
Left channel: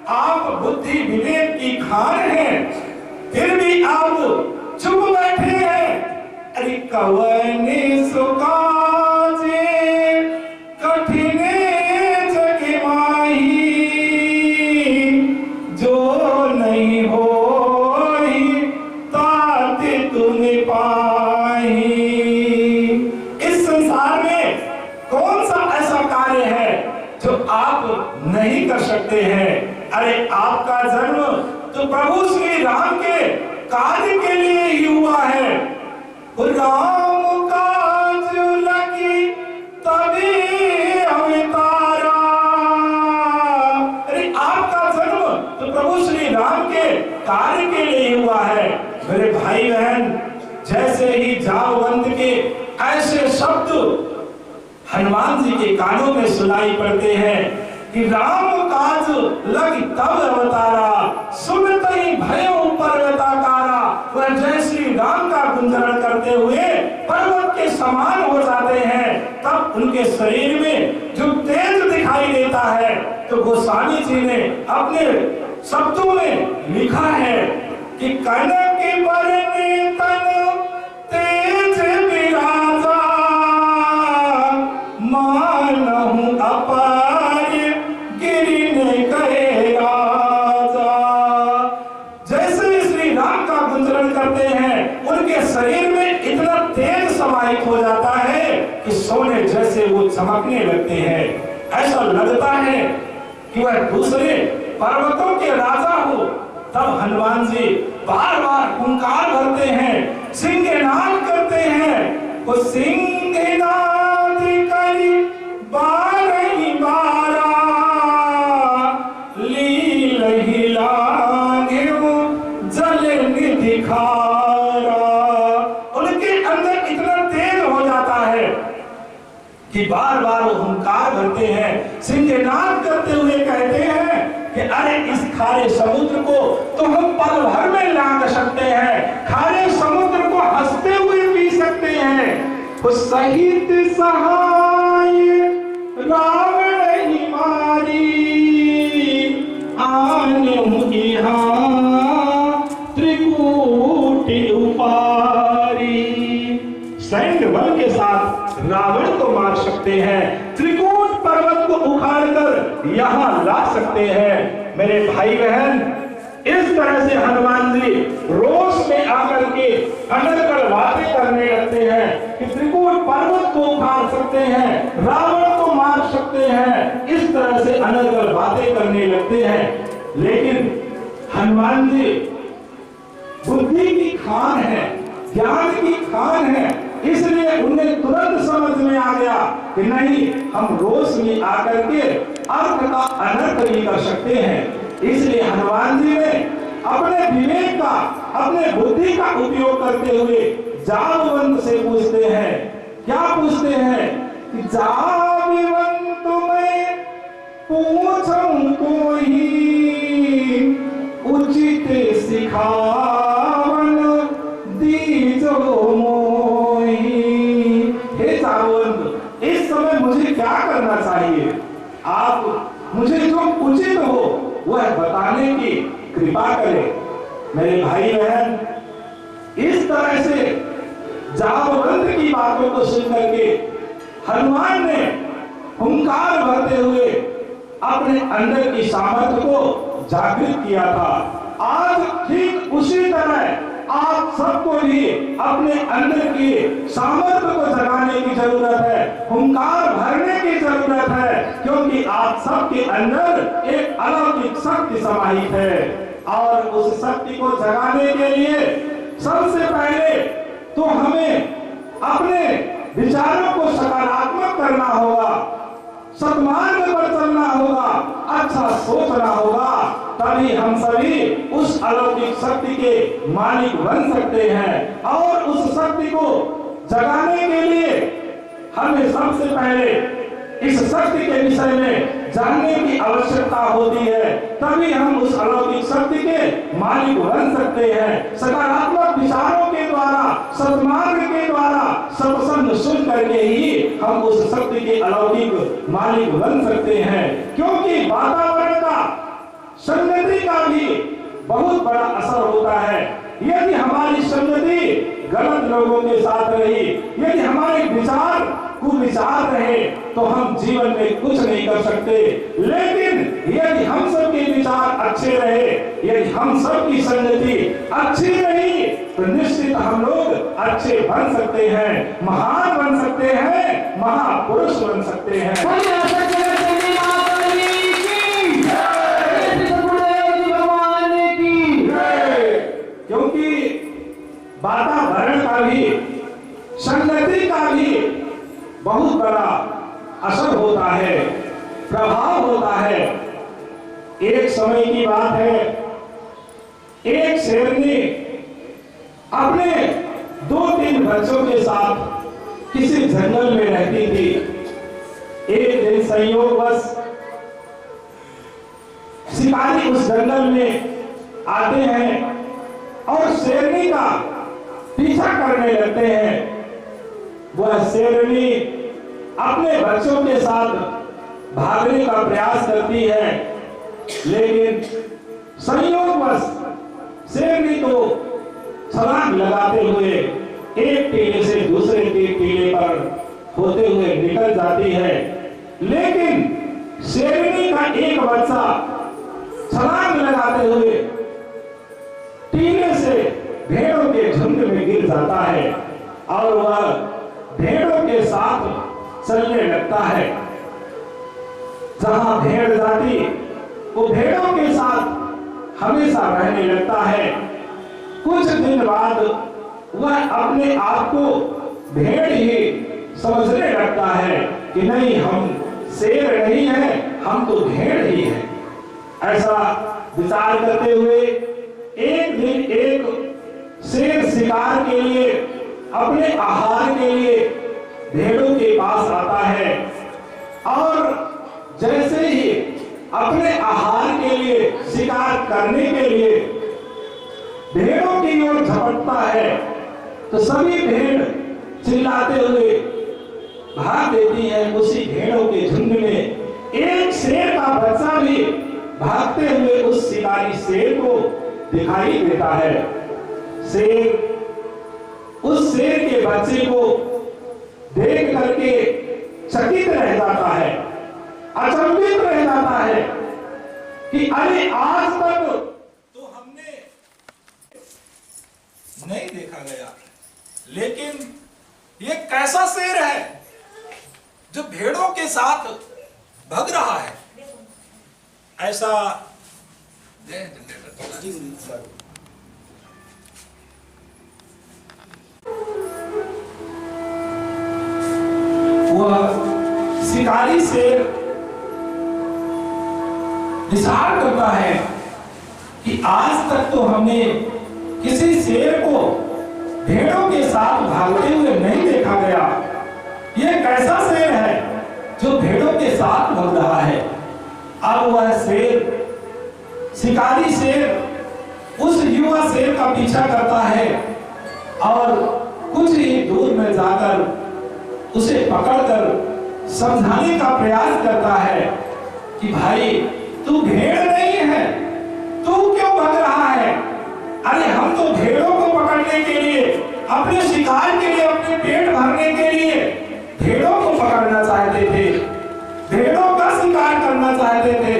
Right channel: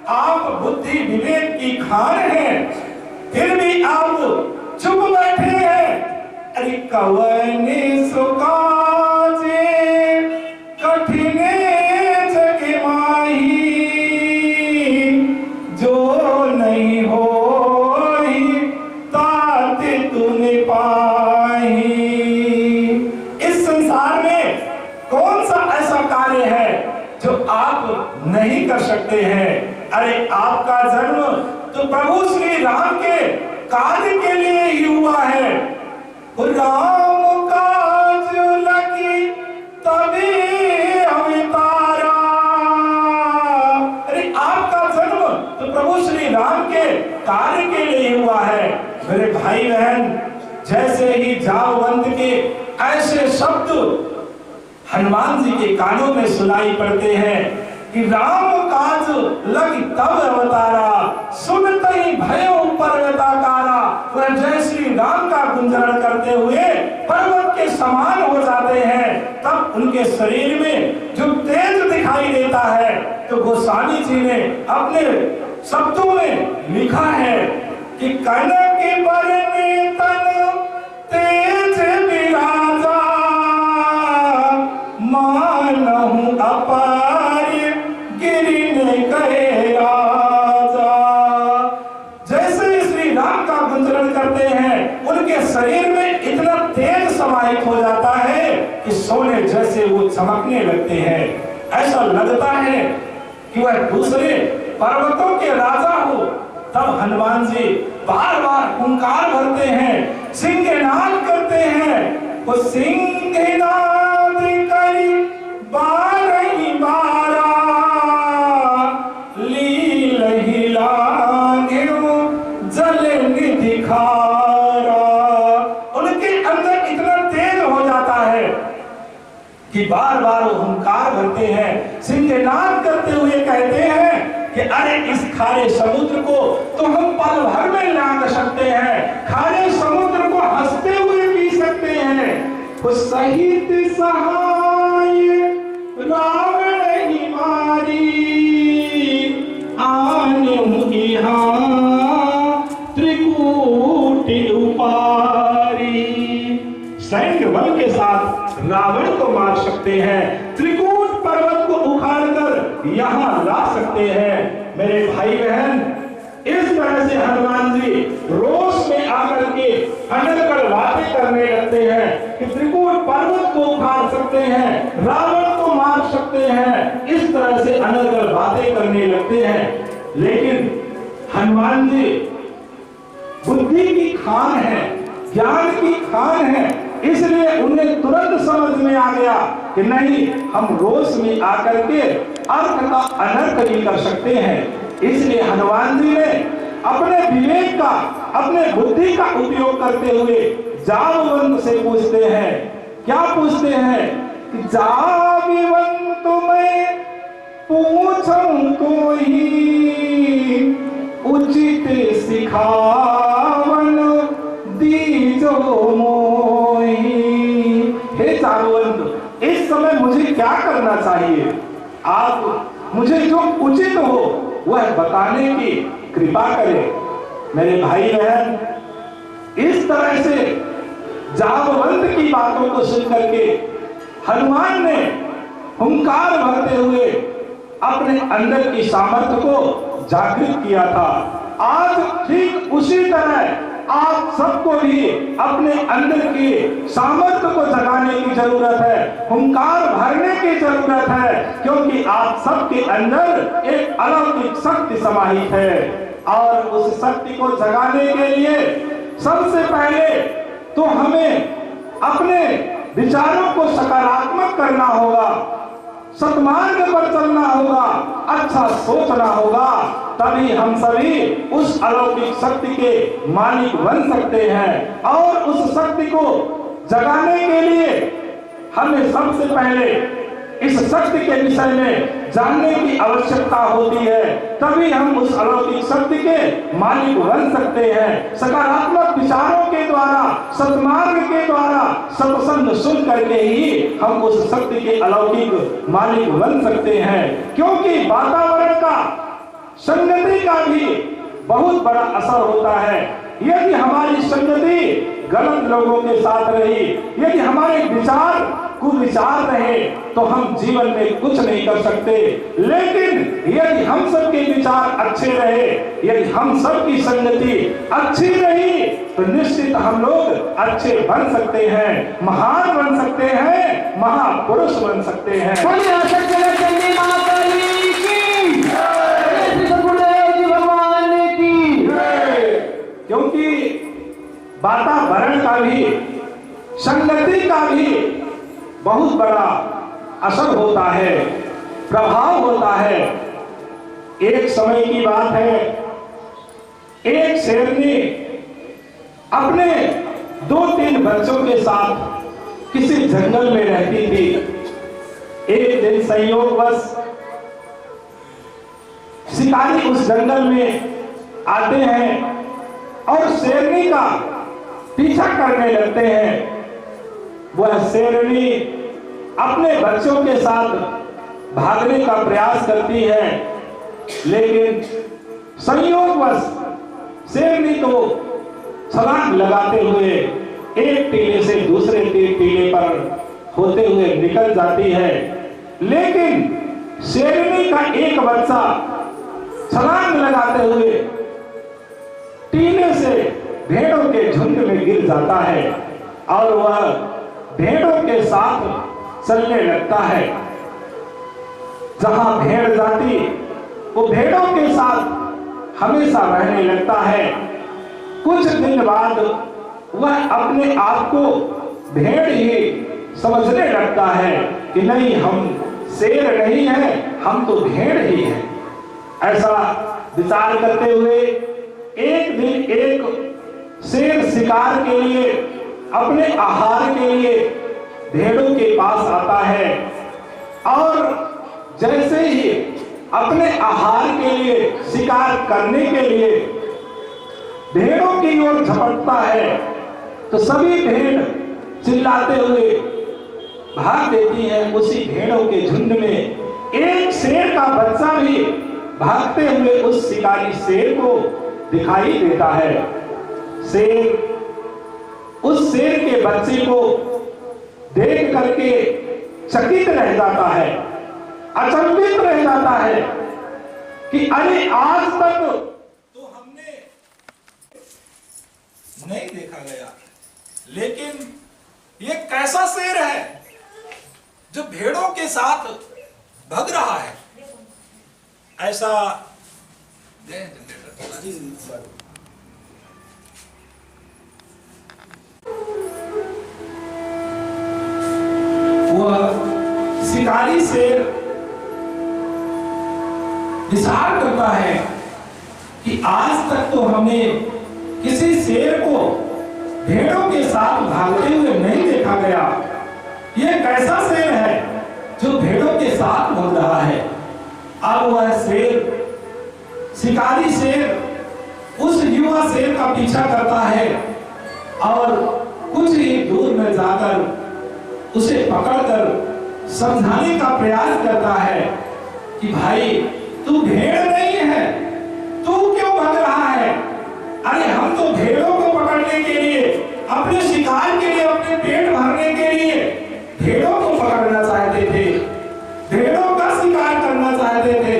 आप बुद्धि विवेक की खान हैं, फिर भी आप चुप बैठे हैं। अरे कवने सुकाजे कठिने जग माही, जो नहीं होई तात तुम पाही। इस संसार में कौन सा ऐसा कार्य है जो आप नहीं कर सकते हैं? अरे आपका जन्म तो प्रभु श्री राम के कार्य के लिए ही हुआ है। राम काज लगी तभी अवतारा। अरे आपका जन्म तो प्रभु श्री राम के कार्य के लिए हुआ है। मेरे भाई बहन, जैसे ही जामवंत के ऐसे शब्द हनुमान जी के कानों में सुनाई पड़ते हैं कि राम काज लग तब अवतारा, सुनते ही भयो पर्वताकारा। वह जय श्री राम का गुंजरण करते हुए पर्वत के समान हो जाते हैं। तब उनके शरीर में जो तेज दिखाई देता है, तो गोस्वामी जी ने अपने शब्दों में लिखा है कि कनक बरने तन तेज विराजा, मानहु अपार गिरिने कहे राजा। जैसे श्री राम का गुंजरण करते हैं, उनके शरीर में इतना तेज समाहित हो जाता है कि सोने जैसे वो चमकने लगते हैं। ऐसा लगता है कि वह दूसरे पर्वतों के राजा हो। तब हनुमान जी बार बार हुंकार भरते हैं, सिंहनाद करते हैं। वो सिंहनाद करी बारही बारा, लील हिलान्यो जल निधि खारा। उनके अंदर इतना तेज हो जाता है कि बार बार वो हुंकार भरते हैं, सिंहनाद करते हुए कहते हैं कि अरे इस खारे समुद्र को तो हम पल भर में लांघ सकते हैं, खारे समुद्र को हंसते हुए पी सकते हैं। उस सहित सहाय रावण ही मारी, आन्यों यहाँ त्रिकूट उपारी। सैन्य बल के साथ रावण को मार सकते हैं, त्रिकूट पर्वत को उखाड़कर यहाँ ला सकते हैं। मेरे भाई बहन, इस तरह से हनुमान जी रोष में आकर के अनर्गल बातें करने लगते हैं कि त्रिकूट पर्वत को उखाड़ सकते हैं, रावण को मार सकते हैं। इस तरह से अनर्गल बातें करने लगते हैं। लेकिन हनुमान जी बुद्धि की खान है, ज्ञान की खान है, इसलिए उन्हें तुरंत समझ में आ गया कि नहीं, हम रोष में आकर के अर्थ का अनर्थ भी कर सकते हैं। इसलिए हनुमान जी ने अपने विवेक का, अपने बुद्धि का उपयोग करते हुए जामवंत से पूछते हैं। क्या पूछते हैं कि जामवंत मैं पूछूं तो ही, उचित सिखावन दीजो मोही। हे जामवंत, इस समय मुझे क्या करना चाहिए? आप मुझे जो उचित हो वह बताने की कृपा करें। मेरे भाई बहन, इस तरह से जामवंत की बातों को सुनकर के हनुमान ने हुंकार भरते हुए अपने अंदर की सामर्थ्य को जागृत किया था। आज ठीक उसी तरह आप सबको भी अपने अंदर की सामर्थ्य को जगाने की जरूरत है, हुंकार भरने की जरूरत है, क्योंकि आप सबके अंदर एक अलौकिक शक्ति समाहित है। और उस शक्ति को जगाने के लिए सबसे पहले तो हमें अपने विचारों को सकारात्मक करना होगा, सत्मार्ग पर चलना होगा, अच्छा सोचना होगा, तभी हम सभी उस अलौकिक शक्ति के मालिक बन सकते हैं। और उस शक्ति को जगाने के लिए हमें सबसे पहले इस शक्ति के विषय में जानने की आवश्यकता होती है, तभी हम उस अलौकिक शक्ति के मालिक बन सकते हैं। सकारात्मक विचारों के द्वारा, सद्मार्ग के द्वारा, सत्संग सुन करके ही हम उस शक्ति के अलौकिक मालिक बन सकते हैं। क्योंकि वातावरण का, संगति का भी बहुत बड़ा असर होता है। यदि हमारी संगति गलत लोगों के साथ रही, यदि हमारे विचार कुविचार रहे, तो हम जीवन में कुछ नहीं कर सकते। लेकिन यदि हम सबके विचार अच्छे रहे, यदि हम सबकी संगति अच्छी रही, तो निश्चित हम लोग अच्छे बन सकते हैं, महान बन सकते हैं, महापुरुष बन सकते हैं। क्योंकि वातावरण का भी, संगति का भी बहुत बड़ा असर होता है, प्रभाव होता है। एक समय की बात है, एक शेरनी अपने 2-3 बच्चों के साथ किसी जंगल में रहती थी। एक दिन संयोगवश शिकारी उस जंगल में आते हैं और शेरनी का पीछा करने लगते हैं। वह शेरनी अपने बच्चों के साथ भागने का प्रयास करती है, लेकिन संयोगवश शेरनी तो छलांग लगाते हुए एक टीले से दूसरे टीले पर होते हुए निकल जाती है। लेकिन शेरनी का एक बच्चा छलांग लगाते हुए टीले से भेड़ों के झुंड में गिर जाता है और वह भेड़ों के साथ चलने लगता है। जहां भेड़ जाती, वो भेड़ों के साथ हमेशा रहने लगता है। कुछ दिन बाद वह अपने आप को भेड़ ही समझने लगता है कि नहीं, हम शेर नहीं है, हम तो भेड़ ही हैं। ऐसा विचार करते हुए एक दिन एक शेर शिकार के लिए, अपने आहार के लिए भेड़ों के पास आता है और जैसे ही अपने आहार के लिए, शिकार करने के लिए भेड़ों की ओर झपटता है, तो सभी भेड़ चिल्लाते हुए भाग देती हैं। उसी भेड़ों के झुंड में एक शेर का बच्चा भी भागते हुए उस शिकारी शेर को दिखाई देता है। शेर उस शेर के बच्चे को देख करके चकित रह जाता है, अचंभित रह जाता है कि अरे आज तक तो हमने नहीं देखा गया, लेकिन ये कैसा शेर है जो भेड़ों के साथ भग रहा है। ऐसा वह शिकारी शेर विचार करता है कि आज तक तो हमने किसी शेर को भेड़ों के साथ भागते हुए नहीं देखा गया। यह कैसा शेर है जो भेड़ों के साथ भाग रहा है। अब वह शेर, शिकारी शेर उस युवा शेर का पीछा करता है और कुछ ही दूर में जाकर उसे पकड़कर समझाने का प्रयास करता है कि भाई, तू भेड़ नहीं है, तू क्यों भाग रहा है? अरे हम तो भेड़ों को पकड़ने के लिए, अपने शिकार के लिए, अपने पेट भरने के लिए भेड़ों को पकड़ना चाहते थे, भेड़ों का शिकार करना चाहते थे,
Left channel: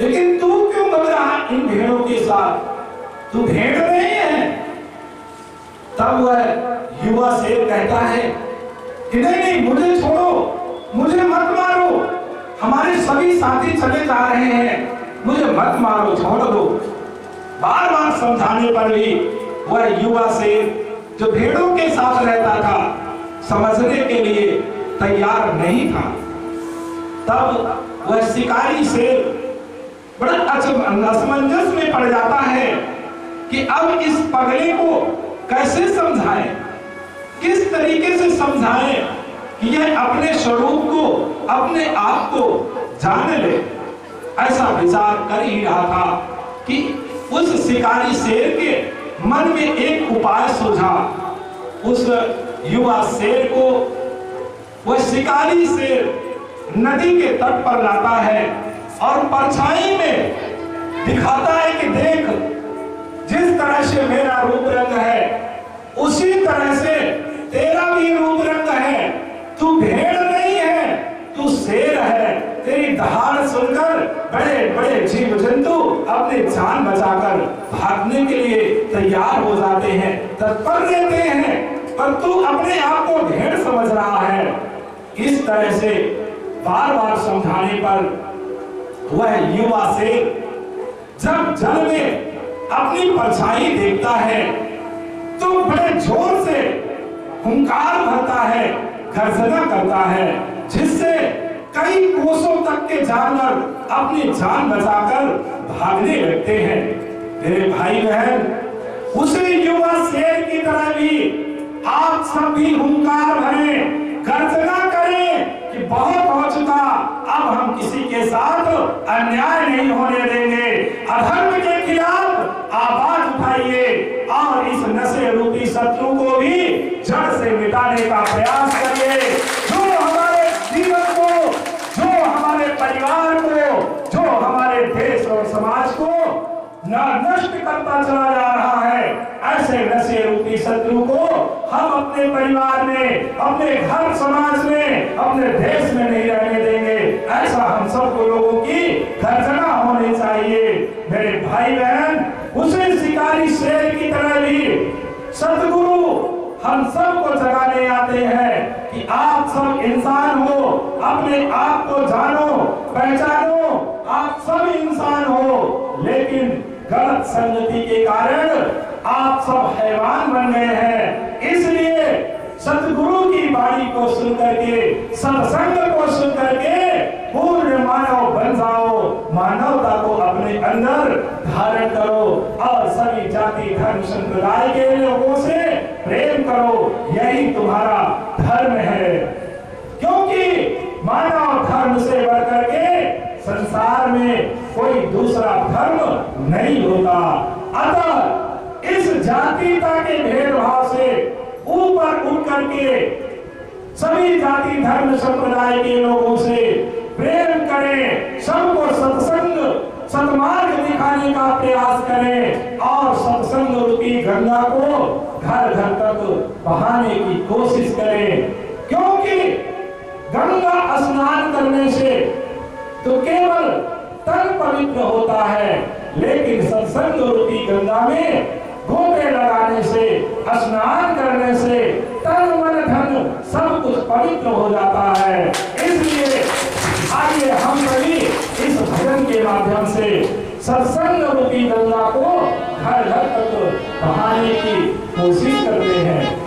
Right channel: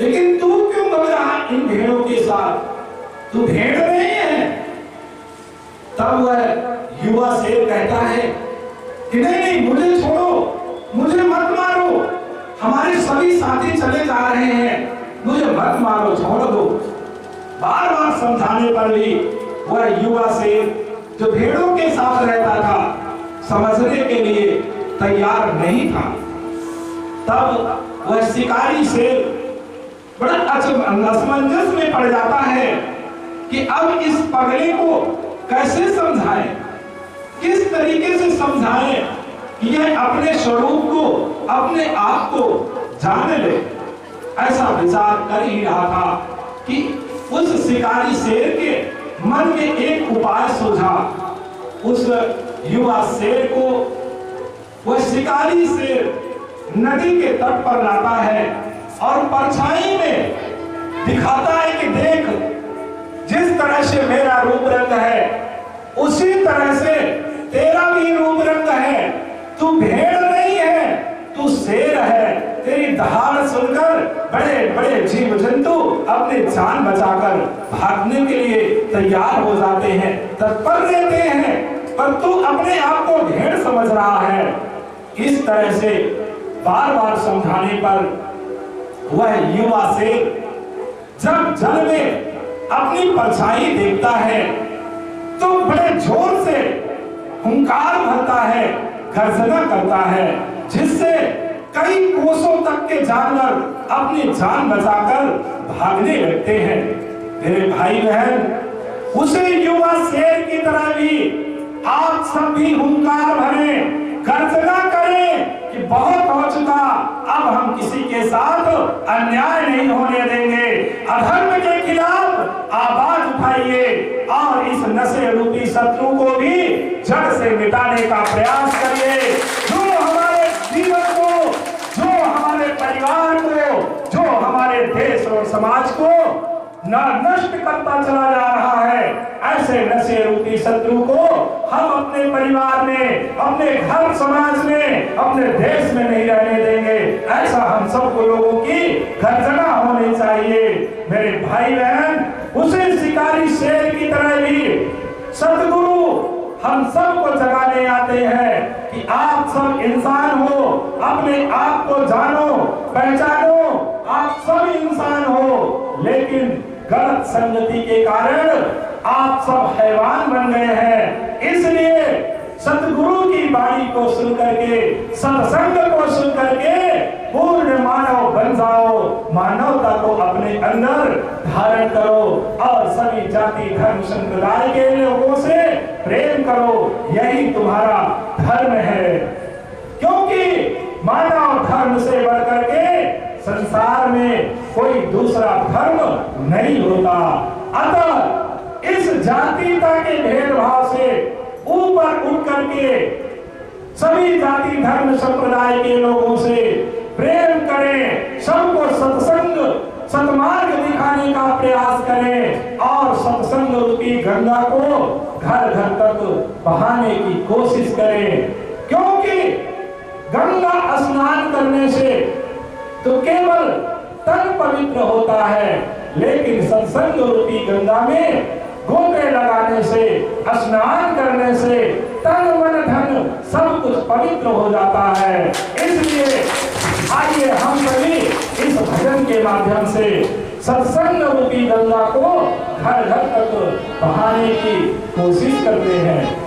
लेकिन तू क्यों भाग रहा है इन भेड़ों के साथ? तू भेड़ नहीं है। तब वह युवा शेर कहता है कि नहीं नहीं, मुझे छोड़ो, मुझे मत मारो, हमारे सभी साथी चले जा रहे हैं, मुझे मत मारो, छोड़ दो। बार बार समझाने पर भी वह युवा शेर जो भेड़ों के साथ रहता था, समझने के लिए तैयार नहीं था। तब वह शिकारी शेर बड़ा असमंजस में पड़ जाता है कि अब इस पगले को कैसे समझाएं, किस तरीके से समझाएं कि यह अपने स्वरूप को अपने आप को जान ले। ऐसा विचार कर ही रहा था कि उस शिकारी शेर के मन में एक उपाय सूझा। उस युवा शेर को वह शिकारी शेर नदी के तट पर लाता है और परछाई में दिखाता है कि देख, जिस तरह से मेरा रूप रंग है उसी तरह से तेरा भी रूप रंग है। तू भेड़ नहीं है, तू शेर है। तेरी दहाड़ सुनकर बड़े बड़े जीव जंतु अपने जान बचाकर भागने के लिए तैयार हो जाते हैं, तत्पर रहते हैं, पर तू अपने आप को भेड़ समझ रहा है। इस तरह से बार बार समझाने पर वह युवा शेर जब जल में अपनी परछाई देखता है तो बड़े जोर से हुंकार भरता है, गर्जना करता है, जिससे कई कोसों तक के जानवर अपनी जान बचाकर भागने लगते हैं। मेरे भाई बहन, उसे युवा शेर की तरह भी आप सब भी हुंकार भरें, गर्जना करें कि बहुत हो चुका, अब हम किसी के साथ अन्याय नहीं होने देंगे। अधर्म के खिलाफ आवाज उठाइए और इस नशे रूपी शत्रु को भी जड़ से मिटाने का प्रयास करिए। जो हमारे जीवन को, जो हमारे परिवार को, जो हमारे देश और समाज को नष्ट करता चला जा रहा है, ऐसे नशे रूपी शत्रु को हम अपने परिवार में, अपने घर समाज में, अपने देश में नहीं रहने देंगे। ऐसा हम सब लोगों की गर्जना होनी चाहिए। मेरे भाई बहन, उसे शिकारी शेर की तरह भी सतगुरु हम सबको जगाने आते हैं कि आप सब इंसान हो, अपने आप को जानो, पहचानो, आप सब इंसान हो, लेकिन गलत संगति के कारण आप सब हैवान बन गए हैं। इसलिए सतगुरु की वाणी को सुन करके, सत्संग को सुन करके पूर्ण मानव बन जाओ, मानवता को अपने अंदर धारण करो और सभी जाति धर्म संप्रदाय के लोगों से प्रेम करो। यही तुम्हारा धर्म है, क्योंकि मानव धर्म से बढ़कर के संसार में कोई दूसरा धर्म नहीं होता। अतः इस जातीयता के भेदभाव से ऊपर उठ करके सभी जाति धर्म संप्रदाय के लोगों से प्रेम करें, सबको सत्संग सन्मार्ग दिखाने का प्रयास करें और सत्संग रूपी गंगा को घर घर तक बहाने की कोशिश करें। क्योंकि गंगा स्नान करने से तो केवल तन पवित्र होता है, लेकिन सत्संग रूपी गंगा में गोते लगाने से, स्नान करने से तन मन धन सब कुछ पवित्र हो जाता है। इसलिए आइए हम सभी इस भजन के माध्यम से सत्संग रूपी गंगा को घर घर तक बहाने की कोशिश करते हैं।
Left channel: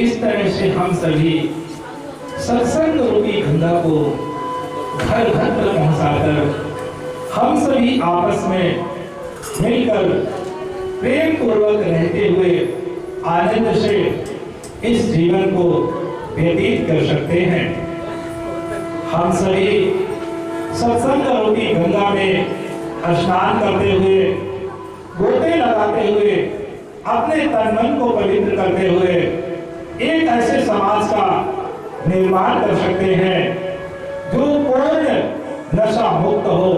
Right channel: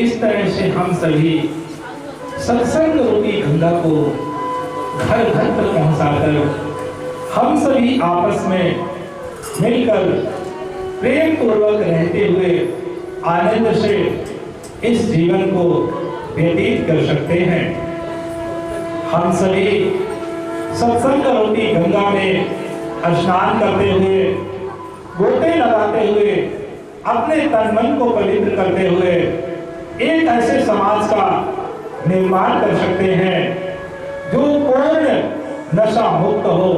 इस तरह से हम सभी सत्संग रूपी गंगा को घर घर तक पहुंचाकर हम सभी आपस में मिलकर प्रेम पूर्वक रहते हुए आनंद से इस जीवन को व्यतीत कर सकते हैं। हम सभी सत्संग रूपी गंगा में स्नान करते हुए, गोते लगाते हुए अपने तन मन को पवित्र करते हुए एक ऐसे समाज का निर्माण कर सकते हैं जो पूर्ण नशा मुक्त हो,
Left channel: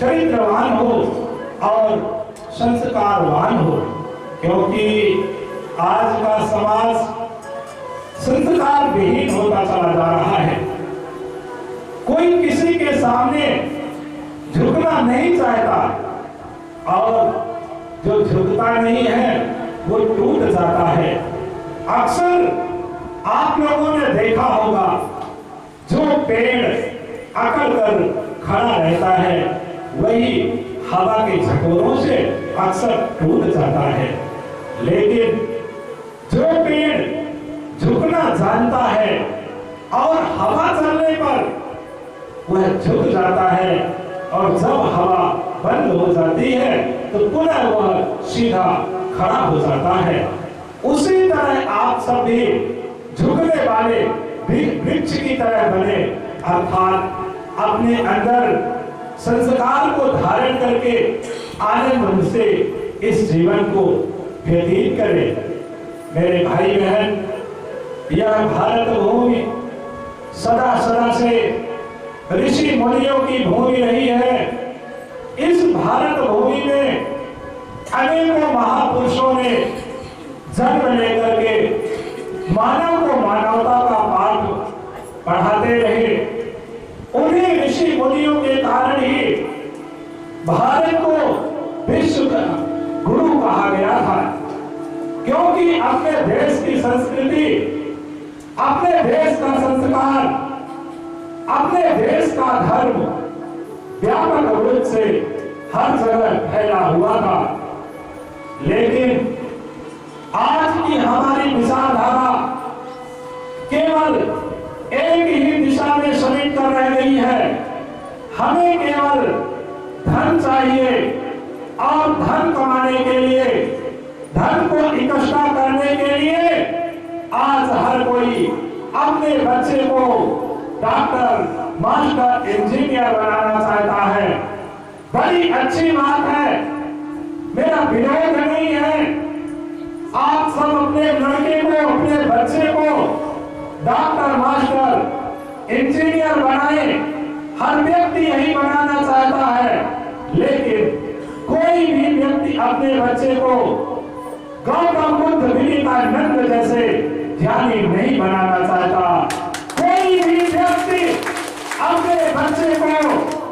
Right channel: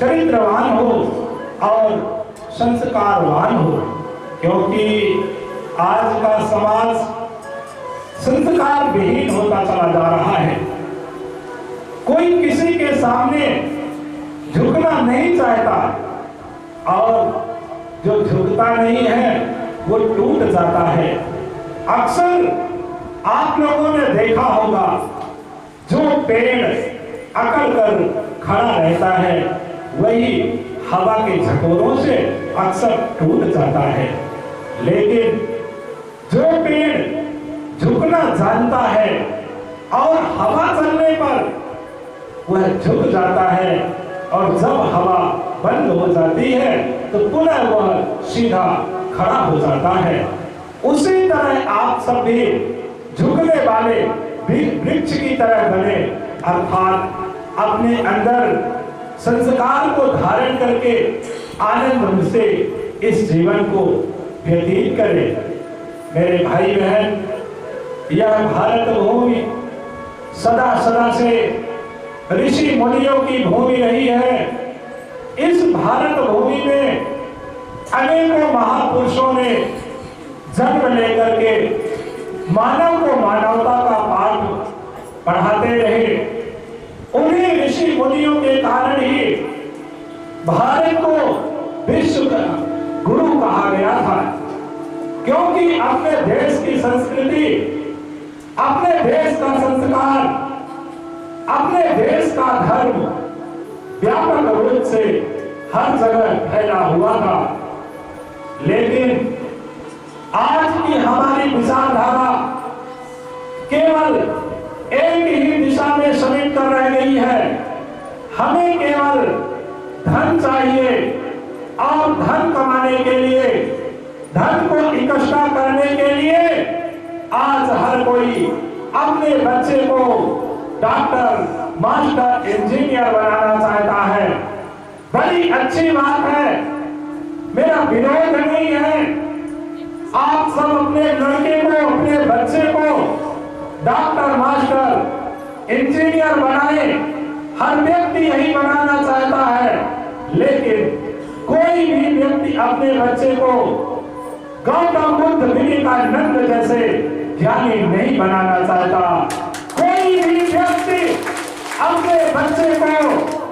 चरित्रवान हो और संस्कारवान हो। क्योंकि आज का समाज संस्कार विहीन होता चला जा रहा है। कोई किसी के सामने झुकना नहीं चाहता और जो झुकता नहीं है वो टूट जाता है। अक्सर आप लोगों ने देखा होगा, जो पेड़ अकड़ कर खड़ा रहता है वही हवा के झकोरों से अक्सर टूट जाता है, लेकिन जो पेड़ झुकना जानता है और हवा चलने पर वह झुक जाता है और जब हवा बंद हो जाती है तो पुनः वह सीधा खड़ा हो जाता है। उसी तरह आप सब भी झुकने वाले वृक्ष की तरह बने, अर्थात अपने अंदर संस्कार को धारण करके आनंद से इस जीवन को व्यतीत करें। मेरे भाई बहन, यह भारत भूमि सदा सदा से ऋषि मुनियों की भूमि रही है। इस भारत भूमि में अनेकों महापुरुषों ने जन्म लेकर के मानव को मानवता का पाठ पढ़ाते रहे। उन्हीं ऋषि मुनियों के कारण ही भारत को विश्व का गुरु कहा गया था, क्योंकि अपने देश की संस्कृति, अपने देश का संस्कार, अपने देश का धर्म व्यापक रूप से हर जगह फैला हुआ था। लेकिन आज की हमारी विचारधारा केवल एक ही दिशा में समित कर रह गई है। हमें केवल धन चाहिए और धन कमाने के लिए, धन को इकट्ठा करने के लिए आज हर कोई अपने बच्चे को डॉक्टर, मास्टर, इंजीनियर बनाना चाहता है। बड़ी अच्छी बात है, मेरा विरोध नहीं है। आप सब अपने लड़के को, अपने बच्चे को डॉक्टर, मास्टर, इंजीनियर बनाए। हर व्यक्ति यही बनाना चाहता है, लेकिन कोई भी व्यक्ति अपने बच्चे को गौतम बुद्ध, विवेकानंद जैसे ज्ञानी नहीं बनाना चाहता। कोई भी व्यक्ति अपने बच्चे को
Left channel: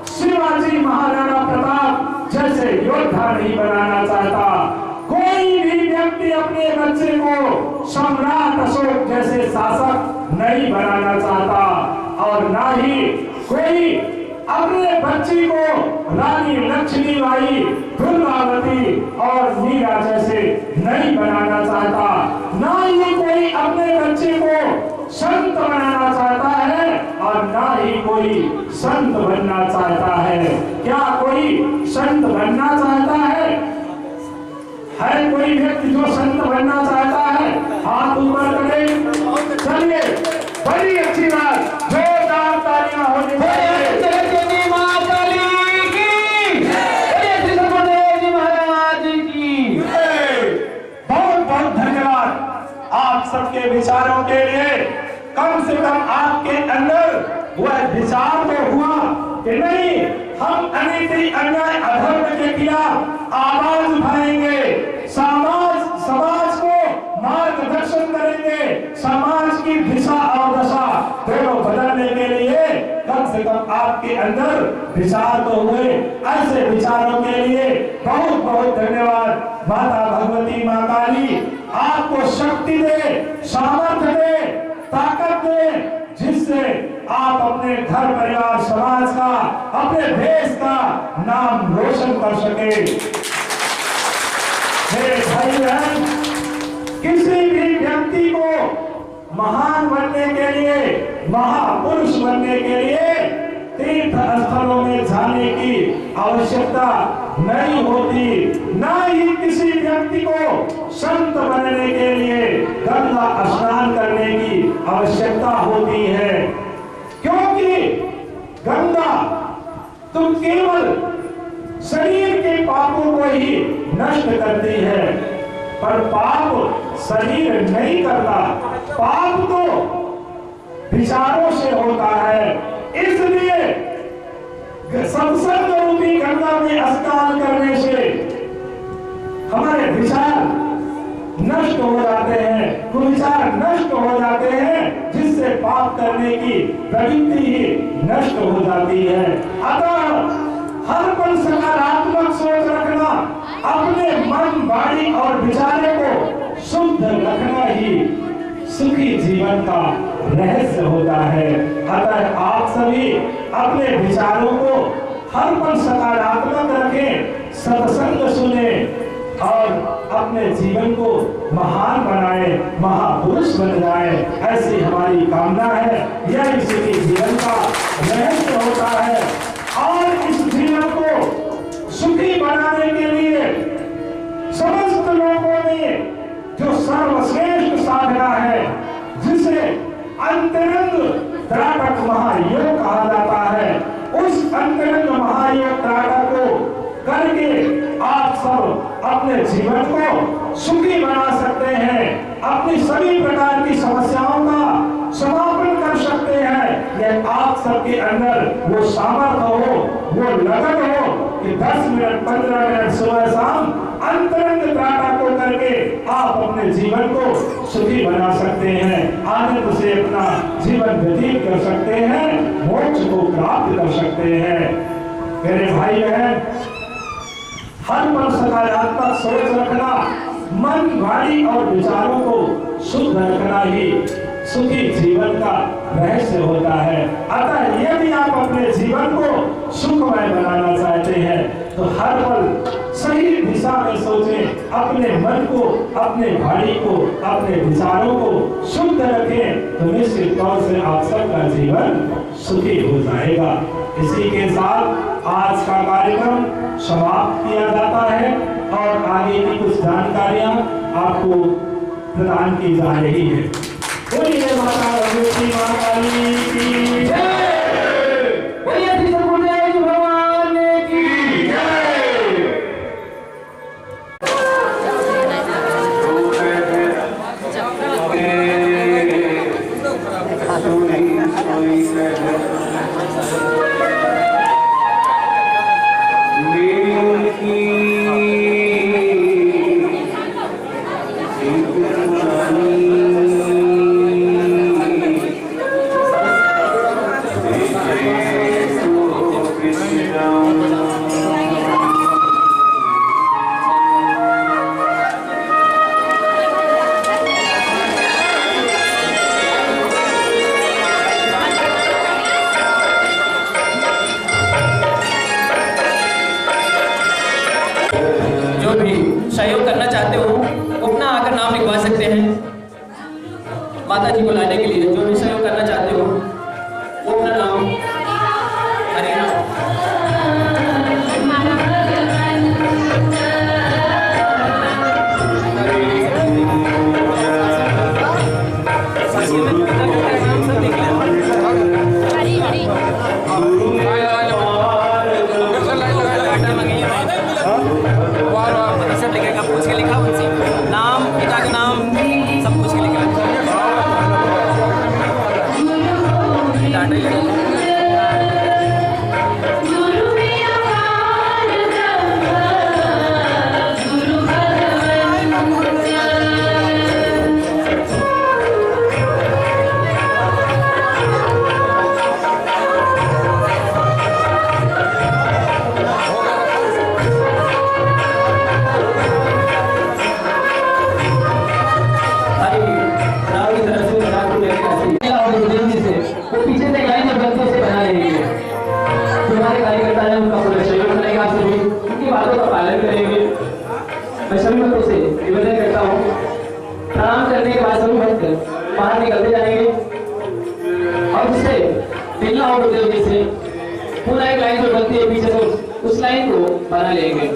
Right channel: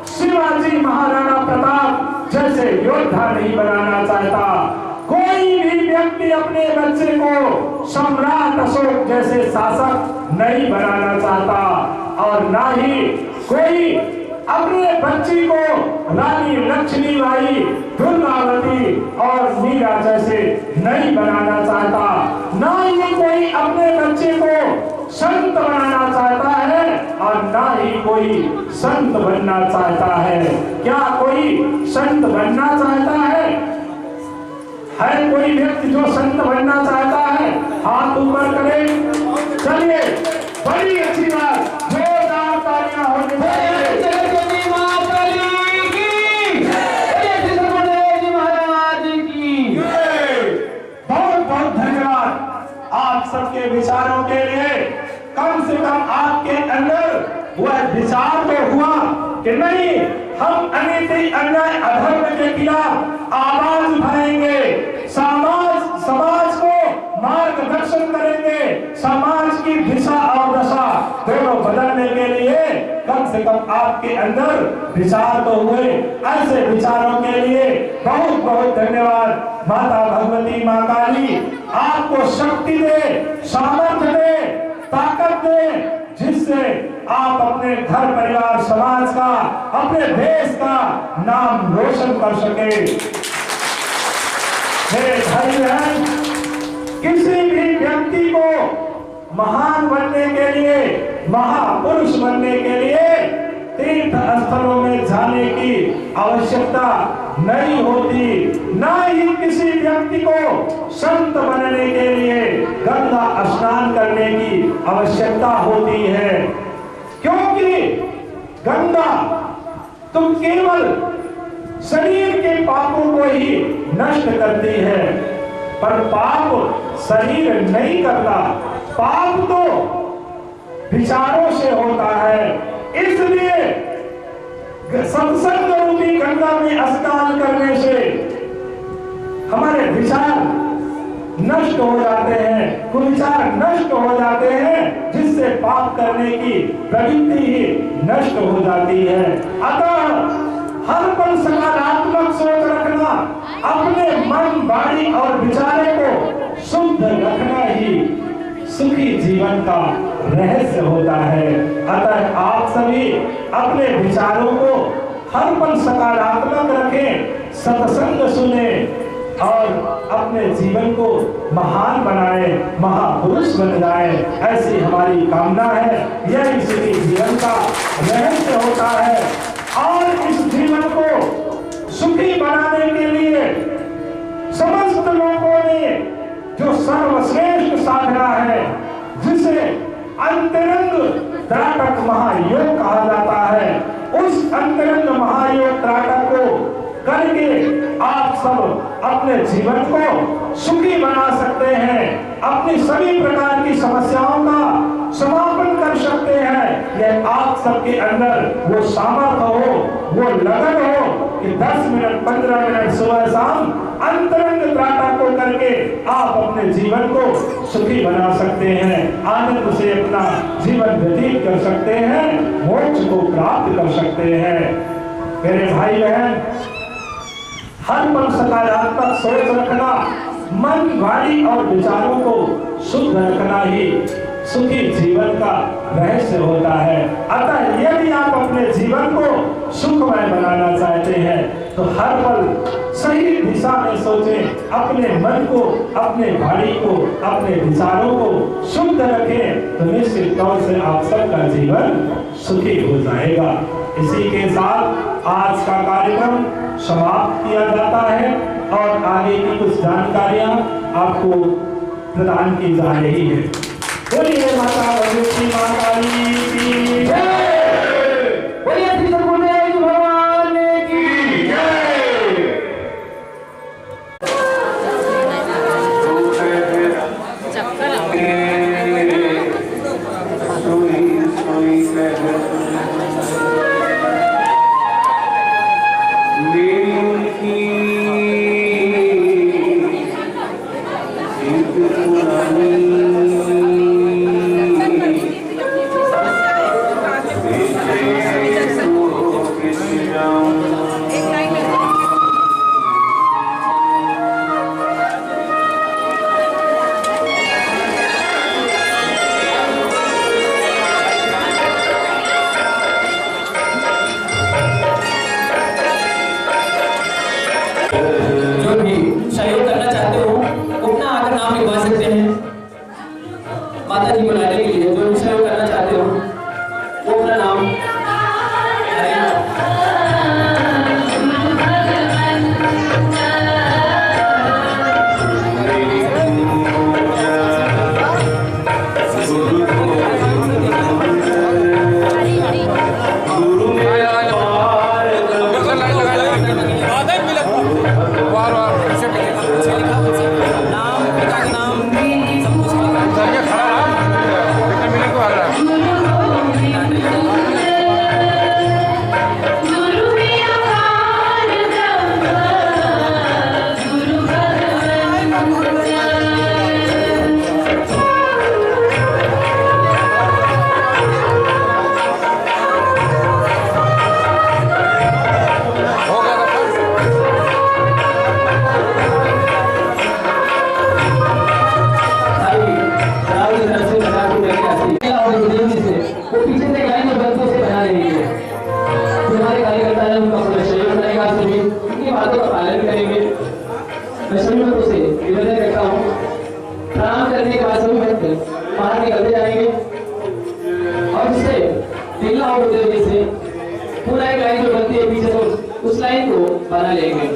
शिवाजी महाराणा प्रताप जैसे योद्धा नहीं बनाना चाहता। कोई भी व्यक्ति अपने बच्चे को सम्राट अशोक जैसे शासक नहीं बनाना चाहता और ना ही कोई अपने बच्ची को रानी लक्ष्मीबाई, दुर्गावती और मीरा जैसे नहीं बनाना चाहता। ना ही कोई अपने बच्चे को संत बनाना चाहता है और ना ही कोई संत बनना चाहता है। क्या कोई संत बनना चाहता है? है कोई व्यक्ति जो संत बनना चाहता है? हाथ ऊपर करें। चलिए, बड़ी अच्छी बात, जोरदार तालियां होनी चाहिए। आप सबके विचारों के लिए कम से कम आपके अंदर वह विचार तो हुआ कि नहीं, हम अनिति, अन्याय, अधर्म के खिलाफ आवाज उठाएंगे, समाज को मार्गदर्शन करेंगे, समाज की दिशा और दशा दोनों बदलने के लिए कम से कम आपके अंदर विचार तो हुए। ऐसे विचारों के लिए बहुत बहुत धन्यवाद। माता भगवती, माँ काली आपको शक्ति दे, सामर्थ्य दे, ताकत दे, जिससे आप अपने घर परिवार, समाज का, अपने देश का नाम रोशन कर सके। मेरे भाई बहन, किसी भी व्यक्ति को महान बनने के लिए, महापुरुष बनने के लिए तीर्थ स्थलों में जाने की आवश्यकता नहीं होती, ना ही किसी व्यक्ति को संत बनने के लिए गंगा स्नान करने की आवश्यकता होती है। क्योंकि गंगा तो केवल शरीर के पापों को ही नष्ट करती है, पर पाप शरीर नहीं करता। पाप तो विचारों से होता है। इसलिए सत्संग रूपी गंगा में स्नान करने से हमारे विचार नष्ट हो जाते हैं, कुविचार नष्ट हो जाते हैं, जिससे पाप करने की प्रवृत्ति ही नष्ट हो जाती है। अतः हर पल सकारात्मक सोच रखना, अपने मन, वाणी और विचारों को शुद्ध रखना ही सुखी जीवन का रहस्य होता है। अतः आप सभी अपने विचारों को हर पल सकारात्मक रखें, सत्संग सुने और अपने जीवन को महान बनाए, महापुरुष बन जाए, ऐसी हमारी कामना है। यह सुखी जीवन का रहस्य होता है। और इस जीवन को सुखी बनाने के लिए समस्त लोगों में जो सर्वश्रेष्ठ साधना है, जिसे अंतरंग त्राटक महायोग कहा जाता है, उस अंतरंग महायोग त्राटक को करके आप सब अपने जीवन को सुखी बना सकते हैं, अपनी सभी प्रकार की समस्याओं का समापन कर सकते हैं। यह आप सबके अंदर वो सामर्थ्य हो, वो लगन हो कि 10 मिनट 15 मिनट सुबह शाम अंतरंग त्राटक को करके आप अपने जीवन को सुखी बना सकते हैं, आनंद से अपना जीवन व्यतीत कर सकते हैं, मोक्ष को प्राप्त कर सकते हैं। मेरे भाई बहन, हर पल सकारात्मक सोच रखना, मन, वाणी और विचारों को शुद्ध रखना ही सुखी जीवन का रहस्य होता है। अतः यदि आप अपने जीवन को सुखमय बनाना चाहते हैं तो हर पल सही दिशा में सोचें, अपने मन को, अपने वाणी को, अपने विचारों को शुद्ध रखें, तो निश्चित तौर से आप सबका जीवन सुखी हो जाएगा। इसी के साथ आज का कार्यक्रम समाप्त किया जाता है और आगे की कुछ जानकारियां आपको प्रदान की जा रही है। बोलिए माता भगवती माता की जय। बोलिए श्री सद्गुरुदेव भगवान की जय। सहयोग करना चाहते हो अपना आकर नाम लिखवा सकते हैं माता जी बुलाने के लिए। जो भी सहयोग करना चाहते हो वो अपना नाम पीछे से गाय में बच्चों से बना रही है। हमारे कार्यकर्ता है उनका पूरा सहयोग करेगा, सभी उनकी बातों का पालन करेंगे। मैं सभी लोगों से निवेदन करता हूँ, प्रणाम करने के बाद सभी बच्चे बाहर निकलते जाएंगे और उससे मिलना हो गुरुदेव जी से पूरा एक लाइन जो बनती है पीछे से उस लाइन को बना लेंगे।